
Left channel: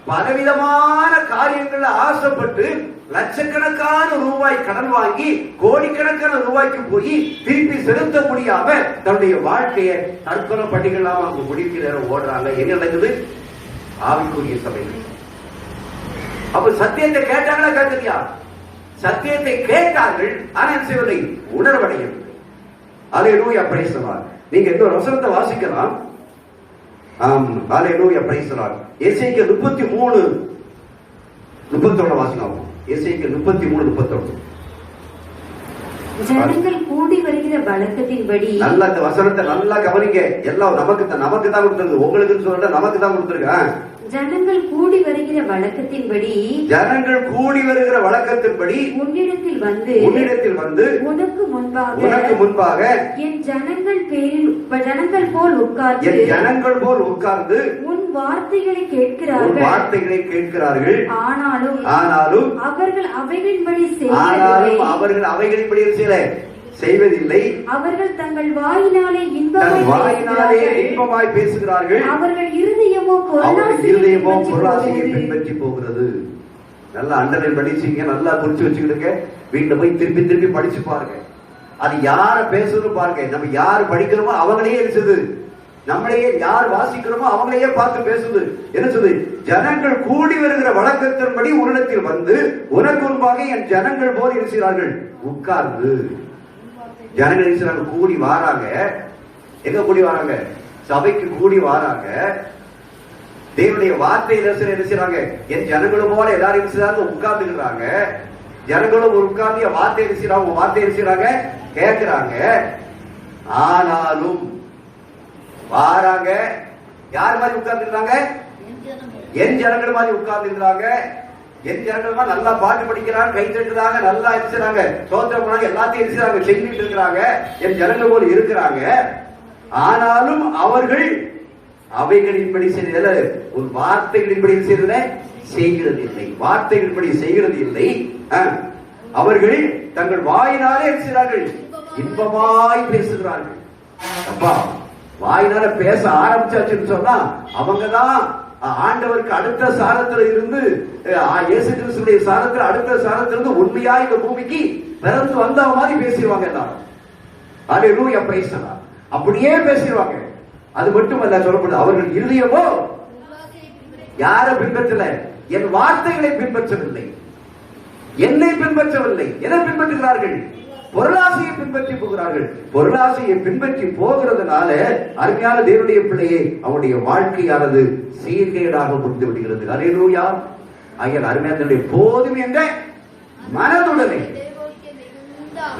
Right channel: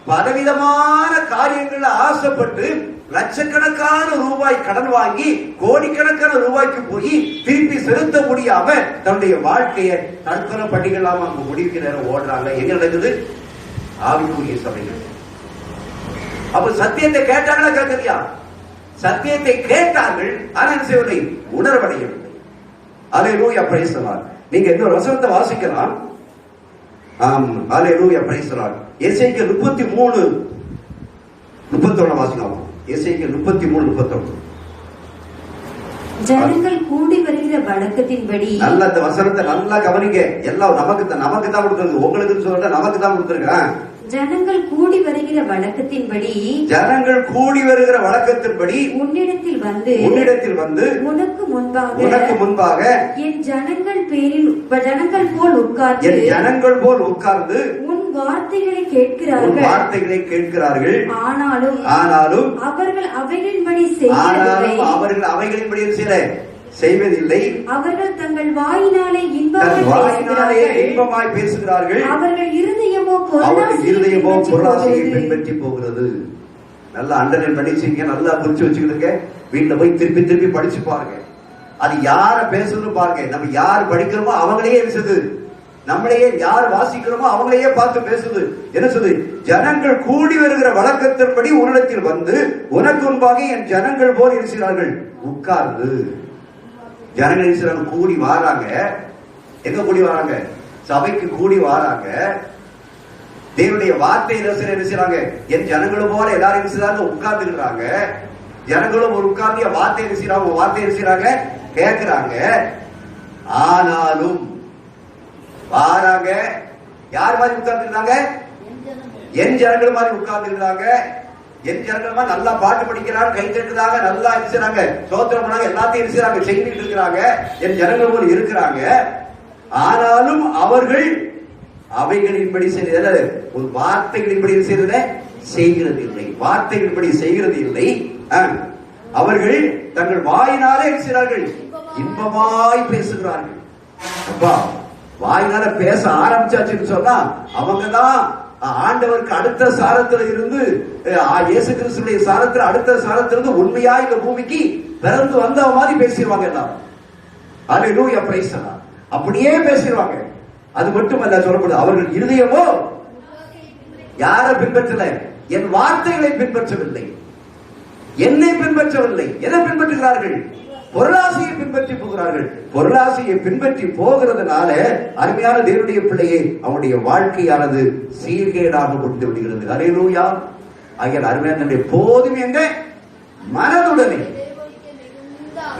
பலவிதமான காரியங்கள் ஆசைப்பட்டு லட்சக்கணக்கான ரூபாய் கடன் வாங்கி கோடிக்கணக்கான ரூபாய்க்கு போய் திருப்பி செலுத்த முடியாம தன்னுடைய வாழ்க்கையை தற்கொலை பண்ணிக்கலாம் அங்க முடிக்கிற நேரம் ஓடுறாங்க. எங்க நடக்குது? ஆவிக்குரிய சபைகள். அப்ப சத்தியத்தை கேட்டாங்களா கேட்கலையா? சத்தியத்தை கேட்டார்கள், ஆனால் செய்வதை உணர்வடையவில்லை. அல்லேலூயா, பிரைஸ் தி லார்ட். நீங்க இன்னொரு வசனத்தை வாசிக்கலாம். அல்லேலூயா, பிரைஸ் தி லார்ட். எசேக்கியேல் 33:31 வாசிக்கலாம். எசேக்கியேல் 33:31. ஜனங்கள் கூடி வருகிற வழக்கத்தின்படி, நல்ல அந்த வசனத்தை நல்லா கவனிங்க. எல்லாம் நமக்கு தான் கொடுத்திருக்கு, உங்களுக்கு சொல்ற நமக்கு தான் கொடுத்திருக்கேன். ஜனங்கள் கூடி வருகிற வழக்கத்தின்படி, ஜனங்கள் கூடி வருகிற வழக்கத்தின்படி உன்னிடத்தில் வந்து உனக்கு முன்பாக என் ஜனங்கள் போல் உட்கார்ந்து உன் வார்த்தைகளை கேட்கிறார்கள். ஆனாலும் அவர்கள் அவைகளின்படி செய்வதில்லை. அவர்கள் தங்கள் வாயினாலே இன்பமாய் பேசுகிறார்கள். அவர்கள் இருதயமோ பொருளாசையை பின்பற்றி போகிறது. நல்லா அண்டர்லைன் படிச்சீங்க, நல்லா குறிச்சு வச்சுக்கிட்டு வீட்டுல போய் திருப்பி திருப்பி படிச்சு பாருங்க. அது யார பேசுறது பாருங்க. நம்ம யார் படிக்கிறோமோ அவங்களே இருக்குது, நம்மளையே யார் வாசிக்கிறோமோ அவங்களையே பார்த்து பேசுது. என்ன சொல்லுது? ஜனங்கள் கூடி வருகிற வழக்கத்தின்படி உன்னிடத்தில் வந்து உனக்கு முன்பாக என் ஜனங்கள் போல் இருக்கிறார்கள் உட்கார்ந்து. ஜனங்கள் கூடி வாராங்க. எங்க கூடி வராங்க? சபைக்கு கூடி வாராங்க. தேவனுடைய வார்த்தை என்ன செய்யறாங்க? என் ஜனங்களும் போல எல்லாரும் உட்கார்ந்துக்கிறாங்க. ஜனங்களும் ஒரு உட்கார்ந்து வார்த்தை செய்யறாங்க, கேட்கிறாங்க. ஆனாலும் வாராங்க. யார் மாதிரி உட்கார்ந்துருக்காங்க? என் ஜனங்கள் மாதிரி உட்கார்ந்துருக்காங்க. என் ஜனங்கள் நல்லா பாட்டு படிக்கிறாங்க, கை தட்டுறாங்க, நல்லா இருக்கிறாங்க, சோத்திரம் பண்ணாங்க, எல்லாத்தையும் இருக்கிறாங்க, செஞ்சுட்டு இருக்கிறாங்க. என் ஜனங்கள் போல இருக்கிறாங்க. ஆனாலும் அவர்கள் அவைகளின்படி செய்தது, ஒரு வார்த்தைகளின்படி செய்கிறது இல்லை. வார்த்தைகளின்படி செய்கிறது இல்லை. அவர்கள் தங்கள் வாயினாலே இருக்கிறார்கள், இன்பமாய் பேசுகிறார்கள். அப்பா, வாயினால பேச ஆரம்பிச்சாச்சுன்னு சொன்னா அவங்கதான் ஆண்டவருக்கு அடுத்த சாரத்துல இருந்து, இயேசு கிறிஸ்துவினுடைய சாரத்துல அடுத்த சாரத்துல இருந்து உண்மையா இந்த பூமிக்கு பிறந்து வந்த மாதிரி பேசிடுவாங்க எல்லாரும். அல்லேலூயா, பிரைஸ் தி லார்ட். அப்படியே பேசிடுவாங்க. அது மட்டுமல்ல சொல்லப்படுது, அவர்கள் இருதயமோ யாரை பின்பற்றல? என் வார்த்தைகளை பின்பற்றவில்லை, என்னை பின்பற்றவில்லை. எதை பின்பற்றுகிறார்கள்? பொருளாசையை பின்பற்றி போகிறார்கள். பொருளாசையை பின்பற்றி போகிறதுனால அருமையான தேவனுடைய பிள்ளையை அவனுடைய வாழ்க்கையானது சீர்கேடாக முடிந்து விடுகிறது. அல்லேலூயா. ஆகிய அருமையான போதும் என்ற மனதுடனே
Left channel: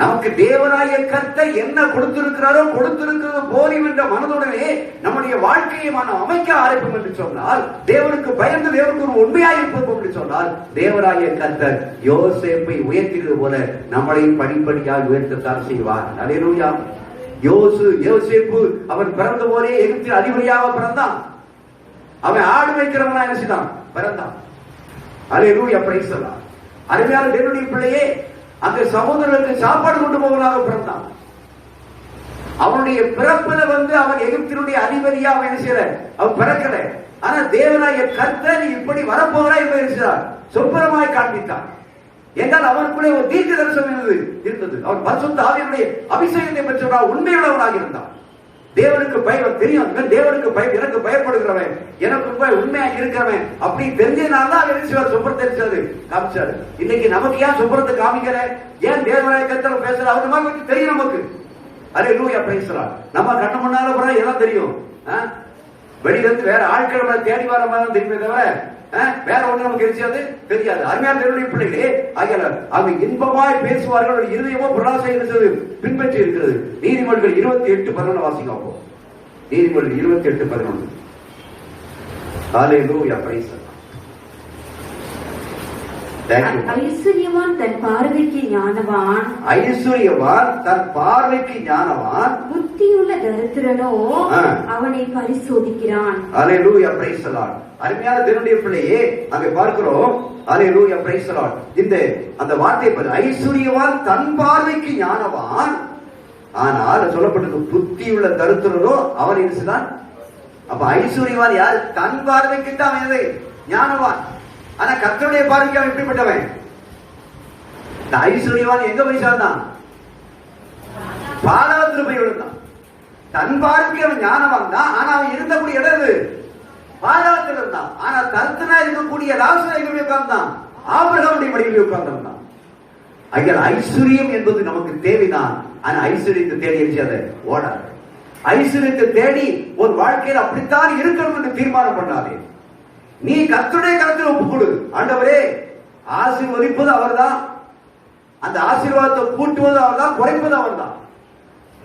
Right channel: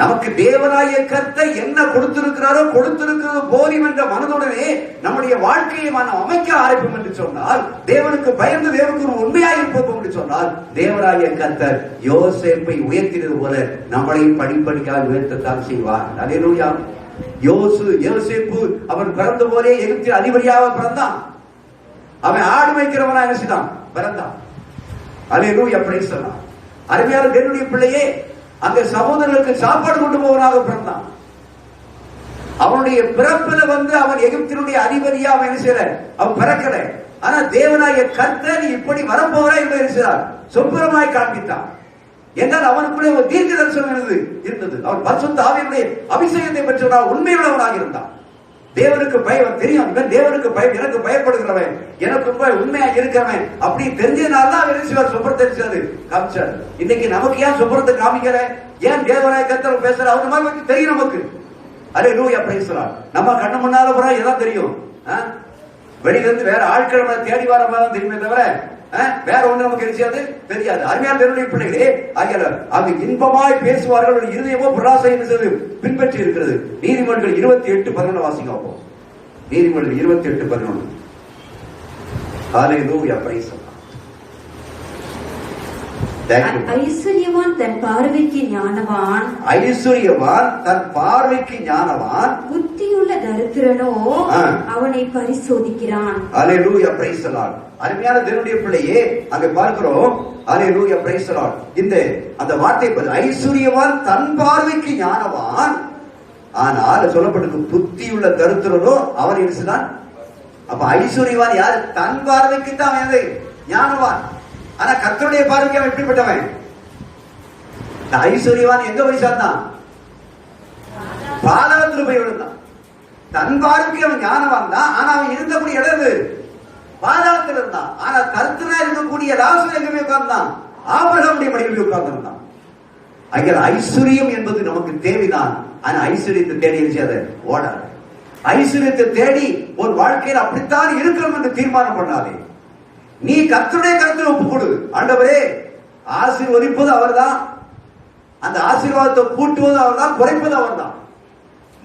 நமக்கு தேவனாய கர்த்தர் என்ன கொடுத்திருக்கிறாரோ கொடுத்திருக்கிறது போதும் என்ற மனதுடனே நம்முடைய வாழ்க்கையை நாம் அமைக்க ஆரம்பிப்போம் என்று சொன்னால், தேவனுக்கு பயந்து தேவனுக்கு ஒரு உண்மையாக இருப்போம் என்று சொன்னால், தேவனாய கர்த்தர் யோசேப்பை உயர்த்தினது போல நம்மளையும் படிப்படியாக உயர்த்தத்தான் செய்வார். அல்லேலூயா. யோசேப்பு அவன் பிறந்த போதே எகிப்தில் அதிபதியாக பிறந்தான். அவன் ஆடு வைக்கிறவனா என்ன செய்தான்? பிறந்தான். அல்லேலூயா, பிரைஸ் தி லார்ட். அருமையான தேவனுடைய பிள்ளையே, அந்த சகோதரர்களுக்கு சாப்பாடு கொண்டு போவனாக பிறந்தான். அவனுடைய பிறப்புல அவன் எகிப்தினுடைய அதிபதியா அவன் என்ன செய்யல, அவன் பிறக்கல. ஆனா தேவனாய கர்த்தர் இப்படி வரப்போறா என்பதை சொப்பனமாய் காண்பித்தான். என்றால் அவனுக்குள்ளே ஒரு தீர்க்க தரிசனம் இருந்தது. அவன் பரிசுத்த ஆவியினுடைய அபிஷேகத்தை பெற்றவனாக உண்மையுள்ளவனாக இருந்தான். தேவனுக்கு பயம் தெரியும். தேவனுக்கு பயம், எனக்கு பயப்படுகிறவன், எனக்கு உண்மையாக இருக்கிறவன் அப்படி தெரிஞ்சதுனாலதான் அவன் சொப்பரத்தை காமிச்சாரு. இன்னைக்கு நமக்கு ஏன் சொப்பரத்தை காமிக்கிற? ஏன் தேவனாய கர்த்தர் பேசுற? அவனுக்கு தெரியும் நமக்கு. அல்லேலூயா, பிரைஸ் தி லார்ட். நம்ம கண்ணு முன்னால போறா எல்லாம் தெரியும். வெளியிலிருந்து வேற ஆட்கள் தேடி வர மாதிரி தெரியுமே தவிர வேற ஒண்ணு நமக்கு தெரியாது. அருமையான தேவனுடைய பிள்ளைகளே, ஆகிய அது இன்பமாய் பேசுவார்கள், இருதயமோ பொருளாசை பின்பற்றி இருக்கிறது. நீதிமொழிகள் 28:11 வாசிங்க. நீதிமொழிகள் 28:11. அல்லேலூயா, பிரைஸ் தி லார்ட். ஐஸ்வர்யவான் தன் பார்வைக்கு ஞானவான், ஐஸ்வர்யவான் தன் பார்வைக்கு ஞானவான், புத்தியுள்ள தரித்திரனோ அவனை பரிசோதிக்கிறான். அல்லேலூயா, பிரைஸ் தி லார்ட். அருமையான தேவனுடைய பிள்ளையே, அங்க பார்க்கிறோம். அல்லேலூயா, பிரைஸ் தி லார்ட். இந்த அந்த வார்த்தை ஐஸ்வர்யவான் தன் பார்வைக்கு ஞானவான், ஆனால் சொல்லப்பட்டது புத்தியுள்ள தரித்திரனோ அவன் இருக்கிறான். அப்ப ஐஸ்வர்யவான் யாரு? தன் பார்வைக்கு தான் ஞானவான். ஆனா கர்த்தருடைய பார்வைக்கு அவன் எப்படிப்பட்டவன்? இந்த ஐஸ்வர்யவான் எங்க போய் சேர்ந்தான்? பாதாளத்தில் போய் விழுந்தான். தன் பார்வைக்கு அவன் ஞானவான் தான். ஆனா அவன் இருந்தக்கூடிய இடம் பாதாளத்தில் இருந்தான். ஆனா தரித்திரனா இருக்கக்கூடிய லாசரு எங்க போய் உட்கார்ந்தான்? ஆபிரகாமுடைய மடியில் உட்கார்ந்திருந்தான். அங்கே ஐஸ்வர்யம் என்பது நமக்கு தேவைதான். ஆனா ஐஸ்வர்யத்தை தேடி எழுதியாத ஓடாது. ஐஸ்வர்யத்தை தேடி ஒரு வாழ்க்கையில் அப்படித்தான் இருக்கணும் என்று தீர்மானம் பண்ணாதே. நீ கர்த்தருடைய கருத்தில் ஒப்புக் கொடு. ஆண்டவரே, ஆசீர்வதிப்பது அவர்தான், அந்த ஆசீர்வாதத்தை கூட்டுவது அவர்தான், குறைப்பது அவர்தான்.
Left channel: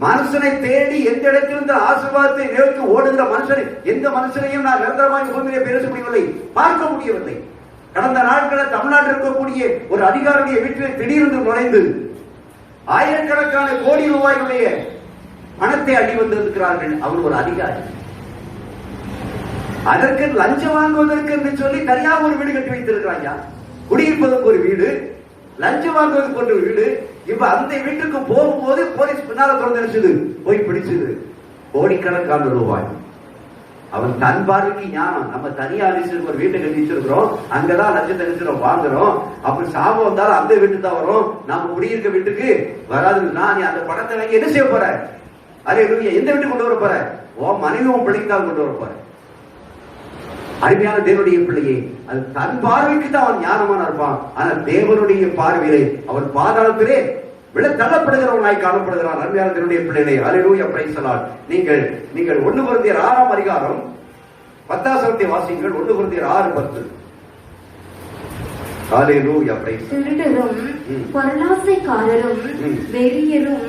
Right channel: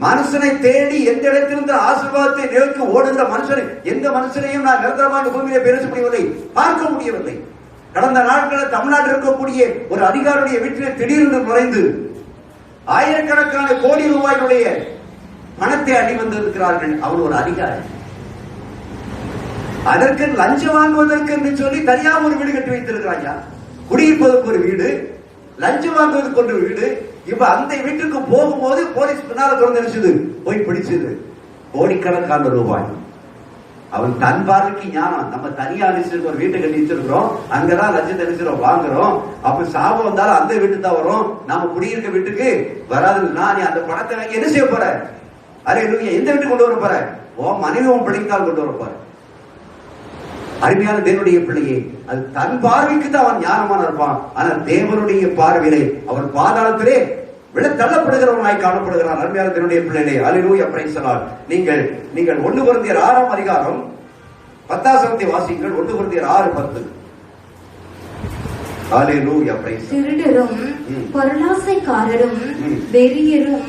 மனுஷனை தேடி எந்த இடத்திலிருந்து ஆசீர்வாதத்தை நோக்கி ஓடுகிற மனுஷனை, எந்த மனுஷனையும் நான் நிரந்தரமாக பூமியிலே பேச முடியவில்லை, பார்க்க முடியவில்லை. கடந்த நாட்களில் தமிழ்நாட்டில் இருக்கக்கூடிய ஒரு அதிகாரியுடைய வீட்டில் திடீரென்று நுழைந்து ஆயிரக்கணக்கான கோடி ரூபாய்களுடைய பணத்தை அடி வந்திருக்கிறார்கள். அவர் ஒரு அதிகாரி. அதற்கு லஞ்சம் வாங்குவதற்கு என்று சொல்லி தனியாக ஒரு வீடு கட்டி வைத்திருக்கிறாங்க. குடியிருப்பதற்கு ஒரு வீடு, லஞ்சம் வாங்குவதற்கு ஒரு வீடு. இப்ப அந்த வீட்டுக்கு போகும்போது போலீஸ் பின்னால திறந்துருச்சுது, போய் பிடிச்சது கோடிக்கணக்கான ரூபாய். அவன் தன் பார்வைக்கு ஞானம். நம்ம தனியா அடிச்சு ஒரு வீட்டை கட்டி வச்சிருக்கிறோம், அங்கதான் லஞ்சத்தை அடிச்சிடும் வாங்குறோம். அப்ப சாபம் வந்தாலும் அந்த வீட்டுக்கு தான் வரும், நாம குடியிருக்க வீட்டுக்கு வராதுன்னா நீ அந்த பணத்தை வாங்கி என்ன செய்ய போற? அதே எந்த வீட்டுக்கு கொண்டு வர போற? உன் மனைவி உன் பிள்ளைக்கு தான் கொண்டு வர போற. அருமையான தேவனுடைய பிள்ளையே, அது தன் பார்வைக்கு தான் அவன் ஞானமான இருப்பான். ஆனா தேவனுடைய பார்வையிலே அவன் பாதாளத்திலே விட தள்ளப்படுகிறவனாய் காணப்படுகிறான். அருமையான தேவனுடைய பிள்ளைகளே, அல்லேலூயா, பிரைஸ் தி லார்ட். நீங்கள் 1 கொரிந்தியர் 6ஆம் அதிகாரம் 10ஆம் வசனத்தை வாசியுங்கள். 1 கொரிந்தியர் 6:10. அல்லேலூயா, பிரைஸ். திருடரும் பொருளாசைக்காரரும் வெறியரும்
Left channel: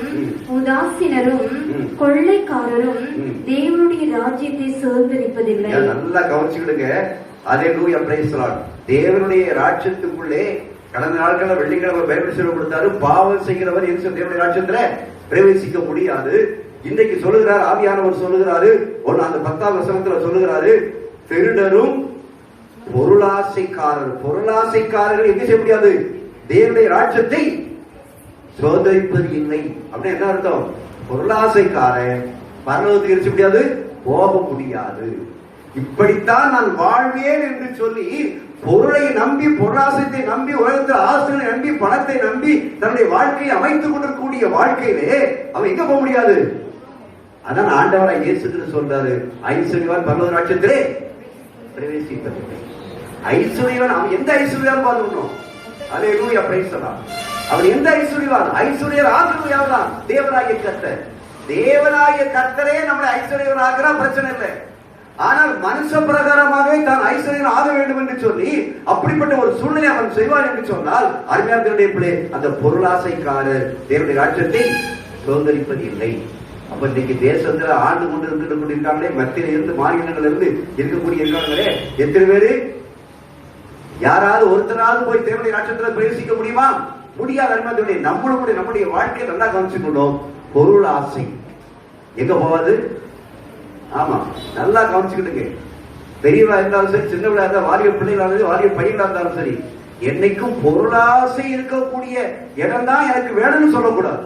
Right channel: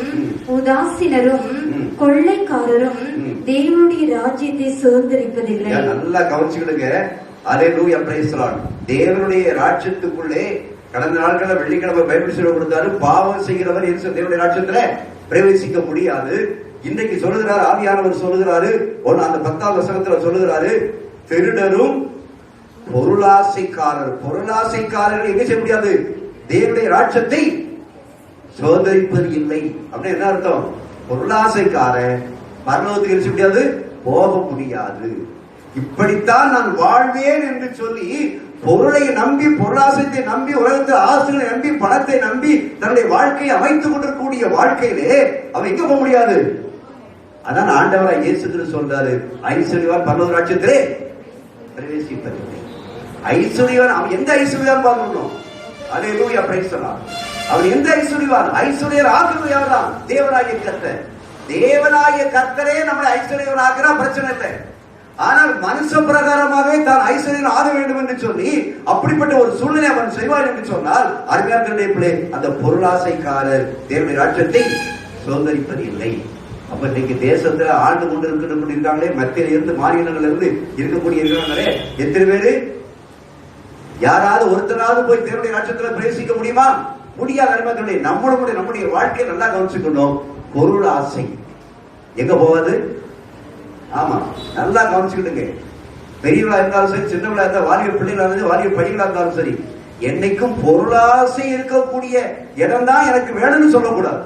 உதாசீனரும் கொள்ளைக்காரரும் தேவனுடைய ராஜ்யத்தை சுதந்திரிப்பதில்லை. நல்லா கவனிச்சுக்கிடுங்க. அல்லேலூயா, பிரைஸ் தி லார்ட். தேவனுடைய ராஜ்யத்துக்குள்ளே கடந்த நாட்களில் வெள்ளிக்கிழமை பைபிள் சொல்லி கொடுத்தாரு, பாவம் செய்கிறவர் தேவனுடைய ராஜ்யத்துல பிரவேசிக்க முடியாது. இன்றைக்கு சொல்லுகிறார், ஆவியானவர் சொல்லுகிறாரு, அந்த 10ஆம் வசனத்துல சொல்லுகிறாரு, திருடரும் பொருளாசைக்காரர்கள் எங்க செய்ய முடியாது? தேவனுடைய ராஜ்யத்தை சுதந்திரிப்பது இல்லை. அப்படின்னு என்ன அர்த்தம்? பொருளாசைக்காரன் பரலோகத்துக்கு இருக்க முடியாது, போக முடியாது. இப்படித்தான் நான் வாழ்வேன் என்று சொல்லி பொருளை நம்பி, பொருளாசைத்தை நம்பி, உலகத்தில் ஆசைகளை நம்பி, பணத்தை நம்பி தன்னுடைய வாழ்க்கையை அமைத்துக் கொண்டிருக்கக்கூடிய வாழ்க்கையிலே அவன் எங்க போக முடியாது. அதான் ஆண்டவராய் இயேசு கிறிஸ்து சொல்றாரு, ஐஸ்வர்யவான் பரலோக ராஜ்யத்திலே பிரவேசிப்பதில்லை. ஐஸ்வர்யவான் அவன் எந்த ஐஸ்வர்யான் பார்க்கணும்? அல்லேலூயா, பிரைஸ் தி லார்ட். அவன் எந்த ஐஸ்வர்யவான்? ஐஸ்வர்யர் ஆக்குவது தான் தேவனாகிய கர்த்தர். தேவனாகிய கர்த்தரே நம்மளை ஐஸ்வர்யவன் ஆகிறா, பிரச்சனை இல்லை. ஆனால் மனுஷ பிரகாரமாகவே தான் ஐஸ்வர்யம் ஆக வேண்டும் என்று சொல்லி அப்படிப்பட்ட ஒரு சூழ்நிலை அவன் செய்வான் என்று சொன்னால், அருமையான பிள்ளை, அந்த பொருளாசைக்காரர் தேவனுடைய ராஜ்யத்தை சுதந்திரிப்பது இல்லை. அப்ப இன்னைக்கு தேசத்துல ஆண்டு கொண்டு இருக்காங்களே, மத்தியில இருந்து மாநிலங்கள்ல இருந்து இருக்கக்கூடிய இருக்காங்களே, எத்தனை பேரு? யாராவது ஒருத்தராவது போய் தேவனுடைய ராஜ்யத்துல பிரவேசிக்க முடியுமா? முடியாது. அருமையான நம்முடைய வாழ்க்கையை நல்லா கவனிச்சுக்கணும். பொருள் ஆசை எங்க போவாது? ஆமா, நல்லா கவனிச்சுக்கிட்டுங்க. பெரியவளா இருந்தாலும் சரி, சின்னவளா இருந்தா, வாலிய பிள்ளைகளா இருந்தாலும், வாலிய பணிகளா இருந்தாலும் சரி, என்னைக்கும் பொருளாசை இருக்கக்கூடிய இடம் தான் எனக்கு வேணும்னு சொல்லக்கூடாது.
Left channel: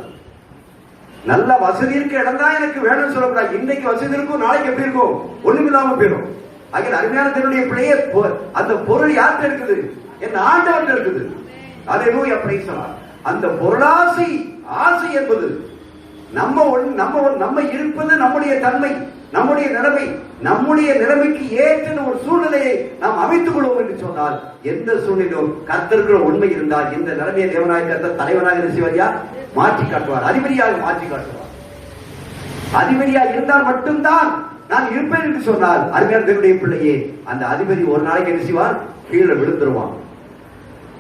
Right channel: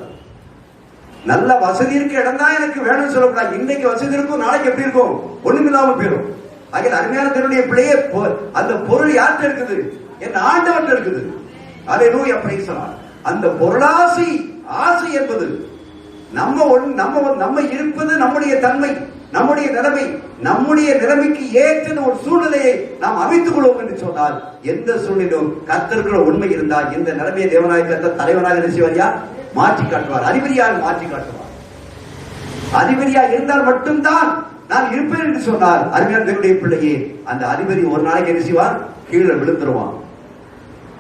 நல்ல வசதி இருக்க இடம் தான் எனக்கு வேணும்னு சொல்லக்கூடாது. இன்னைக்கு வசதி இருக்கும், நாளைக்கு எப்படி இருக்கும்? ஒண்ணுமில்லாம போயிடும். ஆக அருமையான தேவனுடைய பிள்ளையே, அந்த பொருள் யார்கிட்ட இருக்குது? என் ஆண்டவர்கிட்ட இருக்குது. அல்லேலூயா, பிரைஸ் தி லார்ட். அந்த பொருளாசை ஆசை என்பது நம்ம இருப்பது நம்முடைய தன்மை, நம்முடைய நிலைமை, நம்முடைய நிலைமைக்கு ஏற்ற ஒரு சூழ்நிலையை நாம் அமைத்துக் கொள்வோம் என்று சொன்னால், எந்த சூழ்நிலையும் கர்த்தருக்குள்ள உண்மை இருந்தால் இந்த நிலைமையை தேவனாய கர்த்தர் தலைவராக செய்வாரியா மாற்றி காட்டுவார், அதிபதியாக மாற்றி காட்டுவார். அதிபதியா இருந்தால் மட்டும்தான் நான் இருப்பேன் என்று சொன்னால், அருமையான தேவனுடைய பிள்ளையே, அந்த அதிபதி ஒரு நாளைக்கு என்ன செய்வார்? கீழே விழுந்துருவான்.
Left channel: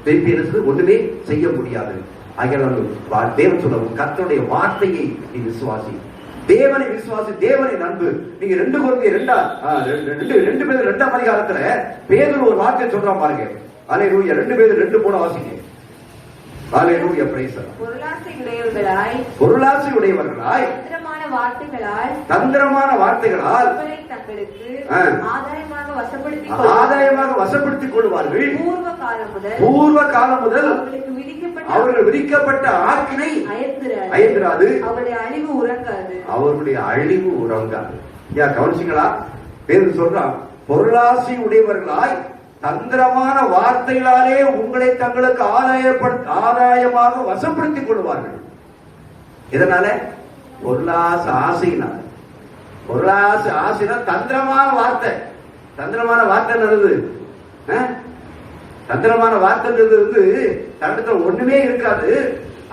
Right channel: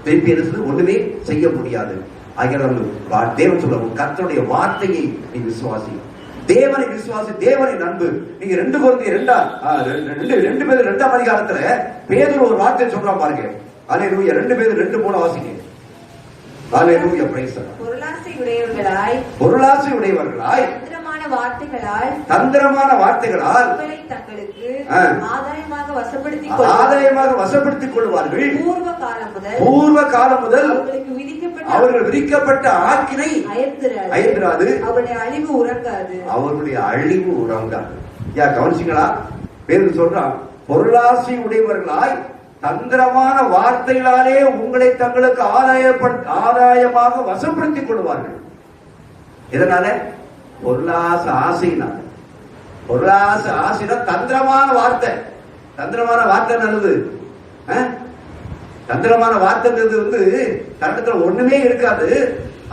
திருப்பி என்ன ஒண்ணுமே செய்ய முடியாது. தேவன் சொல்ல, கர்த்தருடைய வார்த்தையை நீ விசுவாசி, தேவனை விசுவாசி, தேவனை நம்பு. நீங்க 2 கொரிந்தியர் 2ஆம் அதிகாரத்துல பேதுரு ஒரு வார்த்தை சொல்றான் பாருங்க. அல்லேலூயா. 2 பேர் 2:3 வாசிங்க. அல்லேலூயா, பிரைஸ் தி லார்ட். பொருளாசை உடையவர்களாய் தந்திரமான வார்த்தைகளால் ஆதாயமாக வசப்படுத்திக் கொள்வார்கள். பூர்வ காலம் முதல் அவர்கள் விதிக்கப்பட்ட ஆக்கினை அயர்ந்திராது, அவருடைய அழிவு உறங்காது. கவனிச்சிங்களா? பேர் சொல்றான், பொருளாசை உடையவர்களாய் தந்திரமான வார்த்தைகளாலே உங்களை தங்களுக்கு ஆதாயமாக வசப்படுத்திக் கொள்வார்கள். இதனால பொருளாசை ஆசையினால, பொருளாசை ஆசைனா தந்திரமான வார்த்தை. தந்திரமான வார்த்தை நல்லது. தந்திரமான வார்த்தை தண்டத்துல ஒண்ணுமே இருக்காது.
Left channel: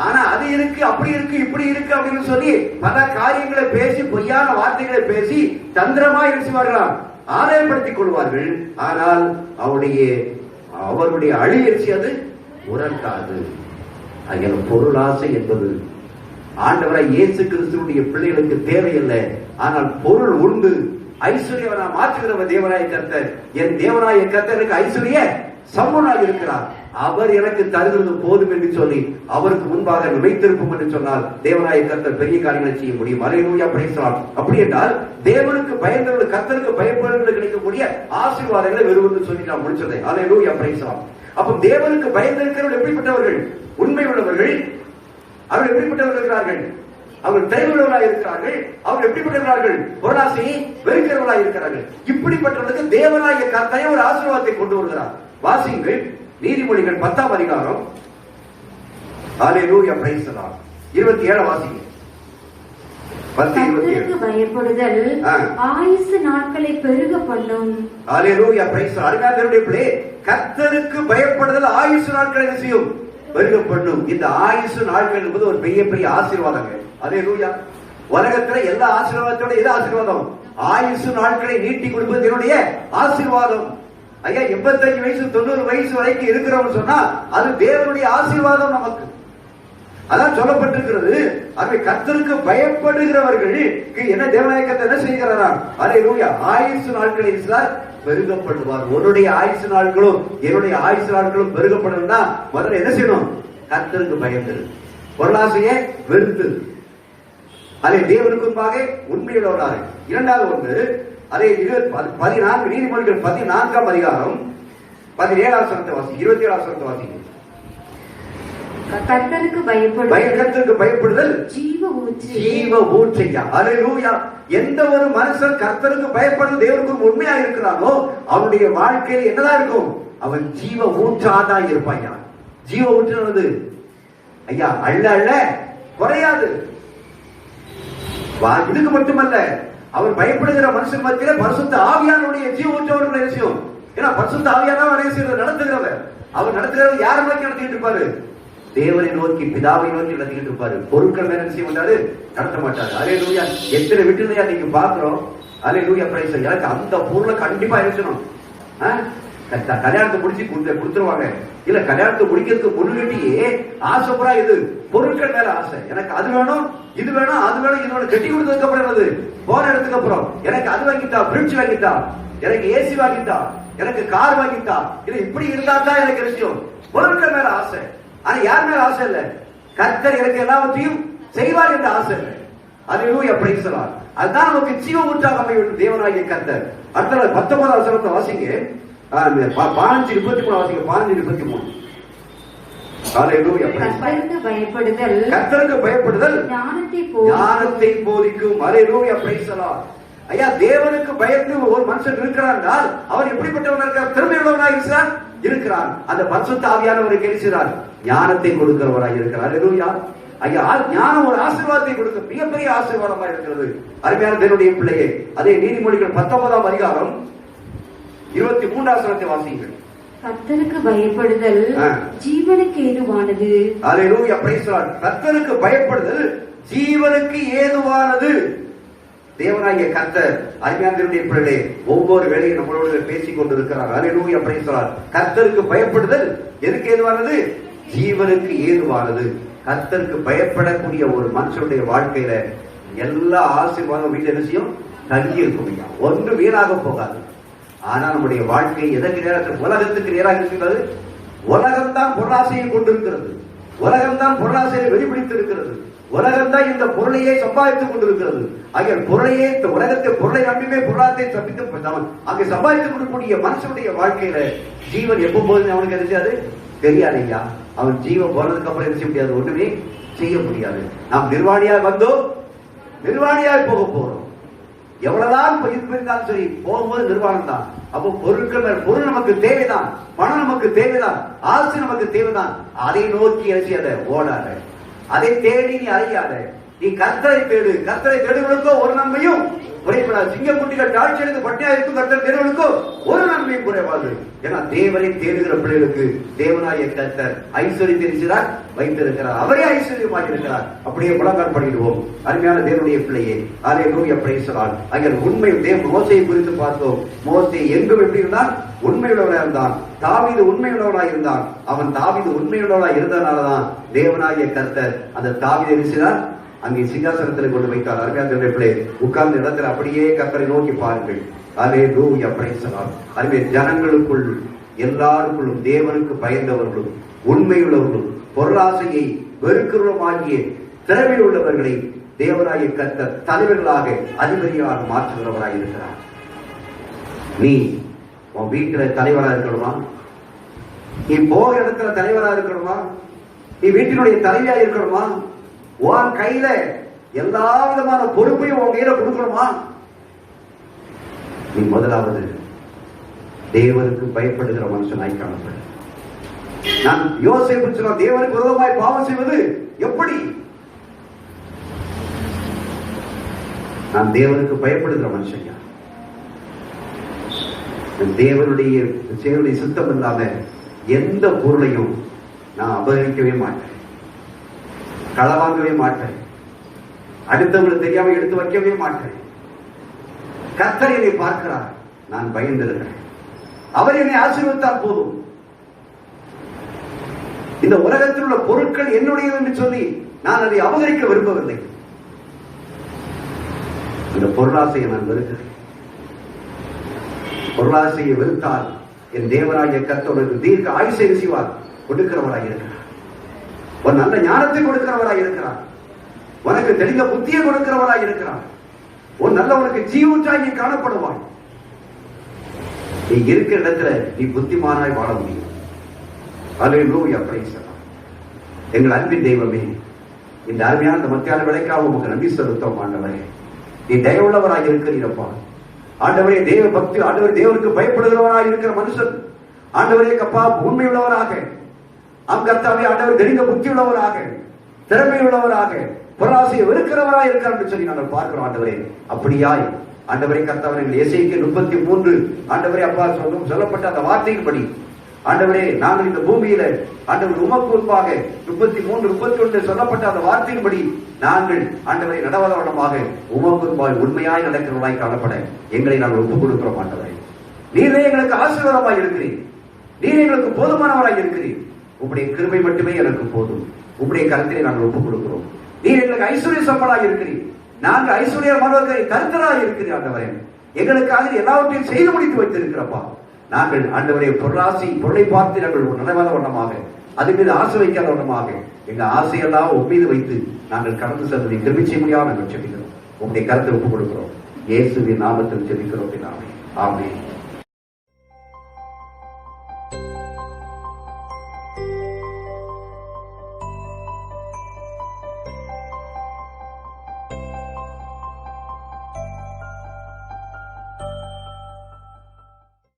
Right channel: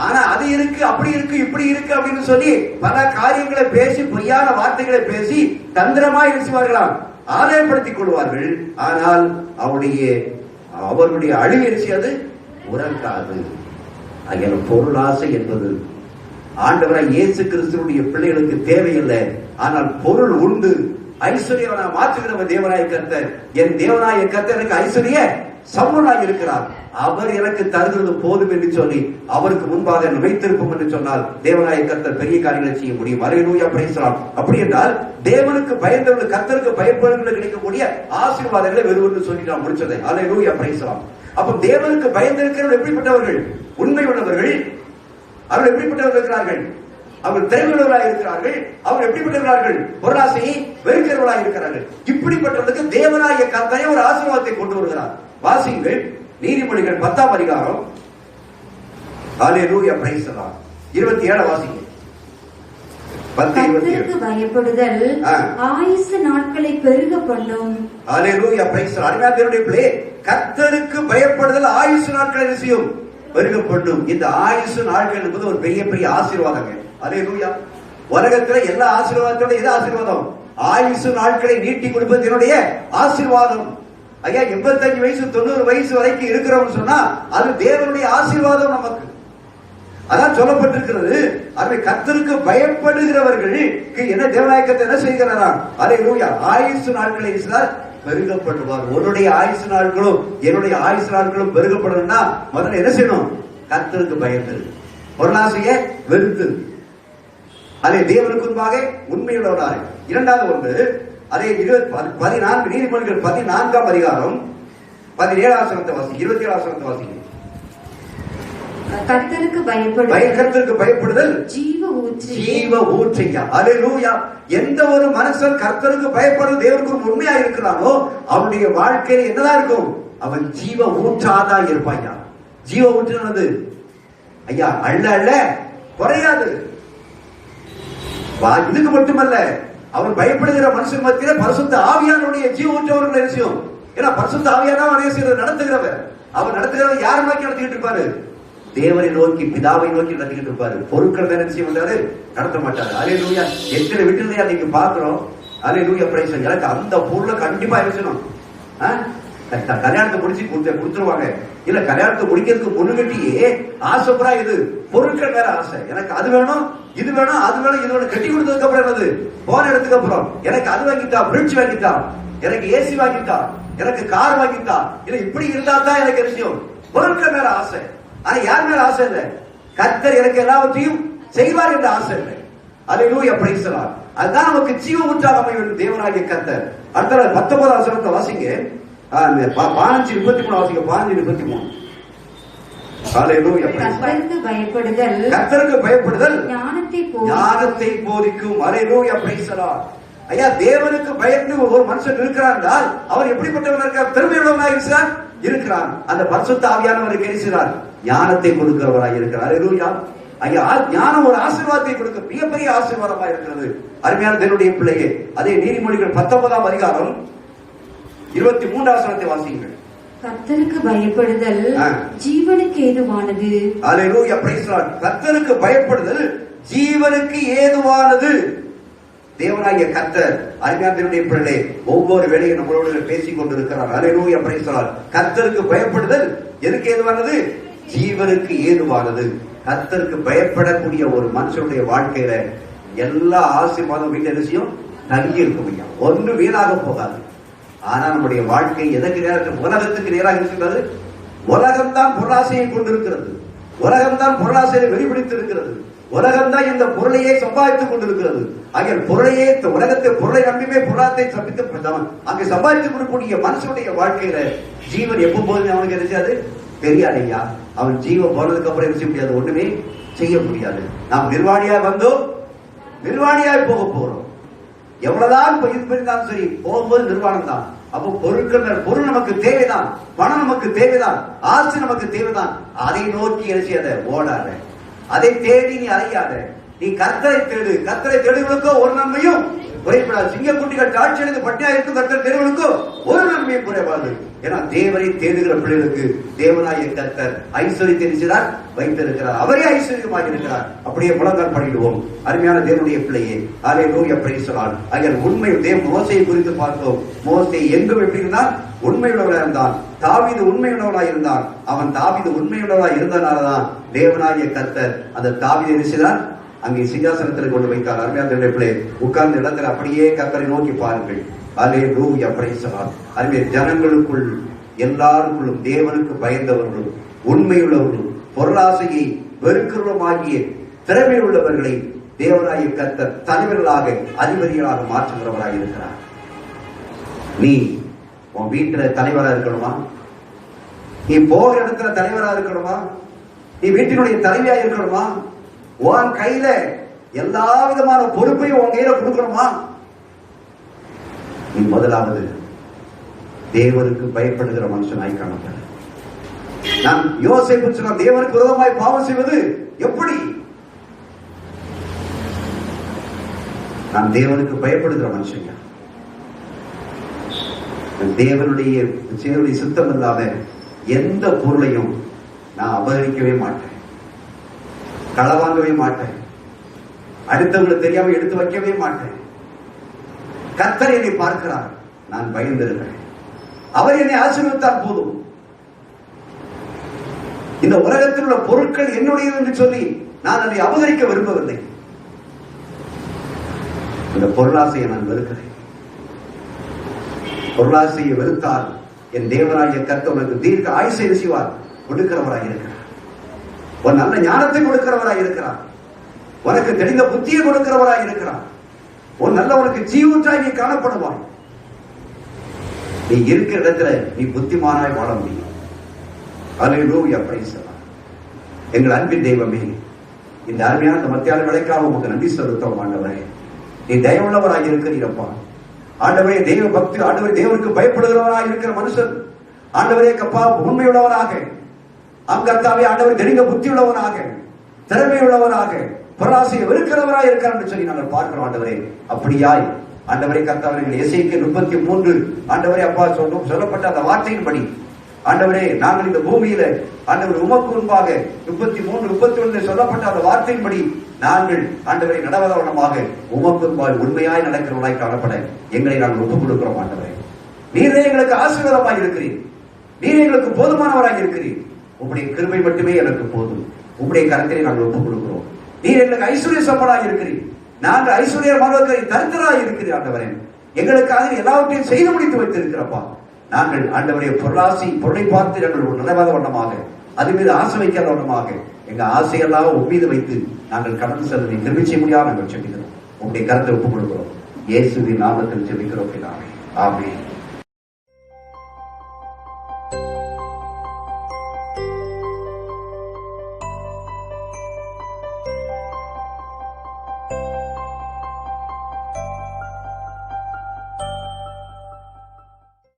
ஆனா அது இருக்கு, அப்படி இருக்கு, இப்படி இருக்கு அப்படின்னு சொல்லி பல காரியங்களை பேசி, பொய்யான வார்த்தைகளை பேசி தந்திரமா இருச்சுவார்களாம், ஆதாயப்படுத்திக் கொள்வார்கள். ஆனால் அவர்களுடைய அழிவரிசி அது உறங்காது. பொருளாசை என்பது ஆண்டவராய் இயேசு கிறிஸ்துவுடைய பிள்ளைகளுக்கு தேவையில்லை. ஆனால் பொருள் உண்டு. ஐஸ்வர்யவனா மாற்றுகிறவர் தேவனாய கர்த்தர். என் தேவனாய கர்த்தர் எனக்கு ஐஸ்வர்ய சம்பூர்ணனாய் இருக்கிறார். அவர் எனக்கு தருகிறது போதும் என்று சொல்லி அவருக்கு முன்பாக வைத்திருப்போம் என்று சொன்னால் தேவனாய கர்த்தர் பெரிய காரியங்களை செய்ய முடியும். அல்லேலூயா, பிரைஸ் தி லார்ட். அப்படி என்றால் தேவனுக்கு பயந்தவர்கள், கர்த்தருக்கு பயப்படுவதற்கு கிடைக்கக்கூடிய ஆசீர்வாதங்களை வெறும் சொல்லி நான் முடிச்சதை. அல்லேலூயா, பிரைஸ் தி லார்ட். அப்ப தேவனுக்கு பயந்திருக்கிறவர்கள் எப்படிப்பட்டவர்கள்? உண்மை உள்ளவர்கள். அவர்கள் எப்படிப்பட்டவர்கள் இருக்கிறார்கள்? அவர்கள் திரையுள்ளவர்களாக இருக்கிறார்கள். அவர்கள் எப்படிப்பட்டவர்கள்? பொருளாசையை வெறுக்கிறவர்களாக இருக்கிறார்கள். இப்படிப்பட்டவர்களுக்கு தேவனாய கர்த்தரே ஒரு ஆசீர்வாதத்தை கொண்டு வருகிறார். வாசியுங்கள், நீதிமொழிகள் 10ஆம் அதிகாரம். அல்லேலூயா, பிரைஸ் தி லார்ட். 27 வாசிங்க. கர்த்தருக்கு பயப்படுதல் ஆயுசு நாட்களை பெருக பண்ணும். அல்லேலூயா, பிரைஸ் தி லார்ட். அருமையானவருடைய பிள்ளை, கர்த்தருக்கு பயப்படுதல் ஆயுசு நாட்களை செய்யும், பெருக பண்ணும். இந்த ஆயுசு நாட்கள் என்பது ஒரு பெரிய பெரிய ஆசீர்வாதங்கள். அல்லேலூயா. உலகத்துல எல்லா ஆசீர்வாதத்தோட எது ஆசீர்வாதம்? ஆயுசு நாட்களை நீட்டி கொடுப்பது என்னுடைய ஆசீர்வாதம். 85 வயசு 90 வயசு வரைக்கும் இருக்கிறோம்னு சொன்னா அது தேவனுடைய ஆசீர்வாதம் நமக்கு. அதான் சொல்லப்பட்டிருக்கிறது. அதை கர்த்தருக்கு பயப்படுகிறவர்களுக்கு என்ன தேவனாய கர்த்தர் என்ன செய்கிறாரா? அல்லேலூயா. ஆயுசு நாட்களை பெருகப்படுவார். உன்னுடைய ஆயுசு நாட்களும் என்னுடைய ஆயுசு நாட்களும் பெருகப்படணும்னா முதல்ல என்ன செய்யணும்? கர்த்தருக்கு பயப்படு, பொருளாசையை வெறுத்து, அதை தேவனுக்கு முன்பாக உண்மையுள்ளவராக. இரண்டாவது ஒன்று, அதே 14 நீதிமொழிகள் 14ஆம் அதிகாரம் 17ஆம் வசனத்தை வாசி. 27ஆம் வசனத்தை வாசிங்க. கர்த்தருக்கு பயப்படுதல் ஜீவ ஊற்றையா. அல்லேலூயா. எந்த ஒரு மனுஷன் கர்த்தருக்கு பயப்படுறது தேவனுக்கு உண்மையா இருக்கிறானோ அவனுடைய வாழ்க்கையில என்னதான் இருக்கும்? அவன் ஜீவ ஊற்றாதான் இருப்பாயா. ஜீவ ஊற்றானது ஐயா அள்ள அள்ள குறையாது. இதுக்கு மட்டுமல்ல, அவர் பயப்படுகிற மனுஷன் மத்தியில பரிசுத்த ஆவியானுடைய ஜீவ ஊற்றவர்கள் என்ன செய்யும்? ஏன்னா பரிசுத்த ஆவியானவர் நடத்துகிறவர். அவர் நடத்துகிறவர் யாரை நோக்கி நடத்திட்டு இருப்பாரு? தேவனை நோக்கி, பிதாவை நோக்கி நடத்திக்கிட்டு இருப்பாரு. பொருட்கள் என்ன செய்ய மாட்டாரு? நடத்த மாட்டாரு. அல்லேலூயா. எத்தனை விட்டுதையா நீங்க பாக்குறோம். அல்லேலூயா, பிரைஸ். எனக்கு அந்த பொருளை கண்டிப்பா இருக்கணும். கல்யாணத்தை முடிச்சு கொடுத்துருவாங்க. இல்ல கல்யாணத்தை முடிக்கிறதுக்கு முன்னுகட்டியே ஆசைப்படா இது பொருட்கள் மேல ஆசை. எனக்கு அது வேணும், இது வேணும், அது வேணும், இது வேணும். கட்டி கொடுத்ததுக்கு அப்புறம் என்னது? போன இடத்துக்கு அப்புறம் எனக்கு அது வாங்கித்தா, பிரிட்ஜ் வாங்கித்தா, எனக்கு ஏசி வாங்கித்தா, எனக்கு கார் வாங்கித்தா. இல்ல இப்படி இருந்தா தான் எனக்கு விஷயம். பொருட்கள் மேல ஆசை. ஆனா யார் மேல ஆசை இல்ல? கர்த்தர் எனக்கு எல்லாவற்றையும் செய்வார் என்ற ஆசை இல்லை. அல்லேலூயா, பிரைஸ் தி லார்ட். அதுதான் நமக்கு ஜீவ ஊற்றாக அமையும் தேவனாகிய கர்த்தர். அடுத்த 19ஆம் வசனத்தை வாசிங்க. 15:23 வாசிங்க. 15:23. அல்லேலூயா. கர்த்தருக்கு பயப்படுதல் ஞானத்தை போதிக்கும். அல்லேலூயா, பிரைஸ் தி லார்ட். ஐயா, தேவனுக்கு பயந்து ஒரு மனுஷன் இருக்கிறார் என்றால் அவர் எப்படிப்பட்டவன் இருக்கிறார்? திறமையுள்ளவனாக இருக்கிறார். அந்த பரிசுத்த ஆவியானவரை கேட்கிறார், ஞானத்தை கொடுக்கிறவராக இருக்கிறார். அல்லேலூயா. ஐயா, ஞானம் ஒரு ஆசீர்வாதத்தை கொடுக்க மிகப்பெரிய ஆசீர்வாதமாக இருக்கிறது. அருமையான தேவனுடைய பிள்ளையே, அதே நீதிமொழிகள் 19ஆம் அதிகாரம் 23ஆம் வசனத்தை வாசியுங்கள். கர்த்தருக்கு பயப்படுதல் ஜீவனுக்கு ஏதுவானது. அல்லேலூயா, பிரைஸ் தி லார்ட். கர்த்தருக்கு பயப்படுதல் ஜீவனுக்கு ஏதுவானது. தேவனாகிய கர்த்தர் அருமையானவருடைய பிள்ளைகளே ஒவ்வொரு வேளையும் நம்மளோட பேசிக் கொண்டிருக்கிறார். அல்லேலூயா, பிரைஸ் தி லார்ட். கர்த்தருக்கு பயப்படுதல் எதுக்கு ஏதுவானது? ஜீவனுக்கு ஏதுவானது. கர்த்தருக்கு பயப்படக்கூடிய ஒரு மனுஷனுடைய வாழ்க்கையில எல்லா ஆசீர்வாதம் வீட்டு நிச்சயம் தங்கி இருக்கும். ஒன்று வீணாக போகாது. ஆனா நம்முடைய வாழ்க்கை எதற்கு நேராக, உலகத்துக்கு நேராக இருக்கிறது. உலகம்தான் பொருளாசையை கொண்டிருக்கிறது. உலகம்தான் பொருளாசையை வெளிப்படுத்தி இருக்கிறது. உலகம்தான் இந்த பொருளையே சம்பாதித்துக் கொண்டிருக்கிறது. ஆகிய பொருளையே, உலகத்தை பொருளை நம்பியுமே பொருளாதாரத்தை சம்பித்து அங்கே சம்பாதித்துக் கொள்ளக்கூடிய மனுஷனுடைய வாழ்க்கையில ஜீவன் எப்போ போகுது அவனுக்கு தெரியாது, தெரியாதையா. அவன் ஜீவன் போறதுக்கு அப்புறம் செய்ய முடியாது, ஒண்ணுமே செய்ய முடியாது. நாம் நிர்வாணியா வந்தோம், நிர்வாணியாய் போக போறோம். எவ்வளவுதான் இருந்தாலும் சரி, போகும்போது நிர்வாணம் தான். அப்போ பொருள் நமக்கு தேவைதான், பணம் நமக்கு தேவைதான், ஆசை நமக்கு தேவைதான். அதை நோக்கி அலசியாத, ஓடாத, அதை தேடி நீ அலையாத. நீ கர்த்தரை தேடு. கர்த்தரை தேடுகளுக்கோ ஒரு நன்மையும் குறைபடாது. சிங்கக்குட்டிகள் தாட்சி அடைந்து பட்டியா இருக்கும் கர்த்தர் தேடுகளுக்கோ ஒரு நன்மையும் குறைபாது. ஏன்னா தேவனை தேடுகிற பிள்ளைகளுக்கு தேவனாய கர்த்தர் ஐஸ்வர்யத்தை வைத்திருக்கிறார். அவரே ஐஸ்வர்யமாக இருக்கிறார். அப்படியே முழங்கால் படிடுவோம். அருமையான தேவனுடைய பிள்ளையே, அல்லேலூயா, பிரைஸ் தி லார்ட். அங்கே உண்மை மோசேயை குறித்து பார்த்தோம். மோசே எங்கும் எப்படி இருந்தான்? உண்மையுள்ளவராக இருந்தான். தாவீது உண்மையுள்ளவராக இருந்தான். அவன் தாவீது உண்மையுள்ளவராக இருந்தனாலதான் தேவனாகிய கர்த்தர் அந்த தாவீதை நினைச்சுதான் அங்கே சிங்காசனத்தில் கொண்டு வைத்தார். அருமையான பிள்ளை, உட்கார்ந்த இடத்துல அப்படியே கர்த்தரை நோக்கி பாருங்கள். அல்லேலூயா, பிரைஸ் தி லார்ட். அருமையான ஜனங்களுக்குள் எல்லாருக்குள்ளும் தேவனுக்கு பயந்தவர்களும் உண்மையுள்ளவர்களும் பொருளாசையை வெறுக்கிறவருமாகிய திறமையில் உள்ளவர்களை தேவனாகிய கர்த்தர் தலைவர்களாக அதிபதிகளாக மாற்றுகிறவராக இருக்கிறார். நீ உன் வீட்டுல தலைவராக இருக்கணுமா? நீ போகிற இடத்துல தலைவராக இருக்கணுமா? நீ வீட்டினுடைய தலைவியா இருக்கணுமா? உன் கையில எல்லா விதமான பொறுப்பையும் உன் கையில கொடுக்கணுமா? நீ முதலாவது தேவனுக்கு பயப்படுகிற மனுஷனாய் காணப்படும். நான் யோசேப்பு சொன்ன தேவனுக்கு விரோதமாய் பாவம் செய்வது எப்படி? நான் தேவனுக்கு பயப்படுகிற மனுஷன். தேவனுடைய சித்தம் இல்லாம எந்த பொருளையும் நான் அபகரிக்கவே மாட்டேன், களவாங்கவே மாட்டேன், அடுத்தவங்களுக்கு தெரியாம எடுத்து வைக்கவே மாட்டேன். கர்த்தர் என்னை பார்க்கிறார், நான் பயந்திருக்கிறேன். அவர் என்னை ஆசீர்வதித்தால் போதும். இந்த உலகத்தில் உள்ள பொருட்கள் என்னுடையது என்று சொல்லி நான் அதை அபகரிக்க விரும்பவில்லை. இந்த பொருளாசையை நான் வெறுக்கிறேன். பொருளாசையை வெறுத்தால் என் தேவனாகிய கர்த்தர் தீர்க்க ஆயுசை செய்வார், கொடுக்கிறவராக இருக்கிறார். ஒரு நல்ல ஞானத்தை கொடுக்கிறவராக இருக்கிறார். உனக்கு தெளிந்த புத்தியை கொடுக்கிறவராக இருக்கிறார். ஒரு நல்ல உனக்கு ஜீவூற்றாகி காணப்படுவான். நீ இருக்கிற இடத்துல நீ புத்திமானாய் வாழ முடியும். அல்லேலூயா, பிரைஸ் தி லார்ட். எங்கள் அன்பின் தெய்வமே, இந்த அருமையான மத்தியான விளைக்காக உமக்கு நன்றி செலுத்தோம். ஆண்டவரே, நீ தயவுள்ளவராக இருக்கிறீரப்பா. ஆண்டவரே, தேவ பக்தி, ஆண்டவரே, தேவனுக்கு பயப்படுகிறவராக இருக்கிற மனுஷன், ஆண்டவரே கப்பா உண்மையுள்ளவராக, கர்த்தாவே ஆண்டவர் தெரிந்த புத்தி உள்ளவராக, திறமை உள்ளவராக, பொருளாசையை வெறுக்கிறவராக இருக்கிறார் என்று சொல்லி நாங்கள் பார்க்கிறோம். ஆண்டவரே, அப்படியாய் ஆண்டவரே கர்த்தாவே, எசேக்கியேல் 33 ஆண்டவரே அப்பா சொல்லப்பட்ட அந்த வார்த்தையின்படி ஆண்டவரே நாங்கள் இந்த பூமியில ஆண்டவர் உமக்கு முன்பாக 33, 31 சொல்லப்பட்ட அந்த வார்த்தையின்படி நாங்கள் ஆண்டவரை நடவதமாக உமக்கு முன்பாக உண்மையாய் நடக்கிறவர்களாய் காணப்பட எங்களை நாங்கள் ஒப்புக் கொடுக்கிறோம். ஆண்டவரே, நீரே எங்களுக்கு ஆசீர்வாதமாய் இருக்கிறீர். நீரே எங்களுக்கு போதுமானவராய் இருக்கிறீர். உங்களுடைய கிருபை மட்டுமே எனக்கு போதும். உங்களுடைய கருத்தை நாங்கள் ஒப்புக் கொடுக்கிறோம். நீர் எங்களுக்கு ஐஸ்வர்ய சம்பளாக இருக்கிறீர். நாங்கள் ஐஸ்வர்யமாக தரித்திரராக இருக்கிறீர். ஆண்டவரே, எங்களுக்காக எல்லாவற்றையும் செய்து முடித்து வைத்திருக்கிறப்பா. நாங்கள் ஆண்டவரே பொருளை பார்த்து நாங்கள் நடவாத வண்ணமாக, அது மீது ஆசை வைக்காத வண்ணமாக எங்க ஆசையெல்லாம் மீது வைத்து நாங்கள் கடந்து செல்வதை திரும்பி செய்ய முடியாது நாங்கள் ஜெபிக்கிறோம். உங்களுடைய கருத்தை ஒப்புக் கொடுக்கிறோம். இயேசுவின் நாமத்தில் ஜெபிக்கிறோம். ஆமென்.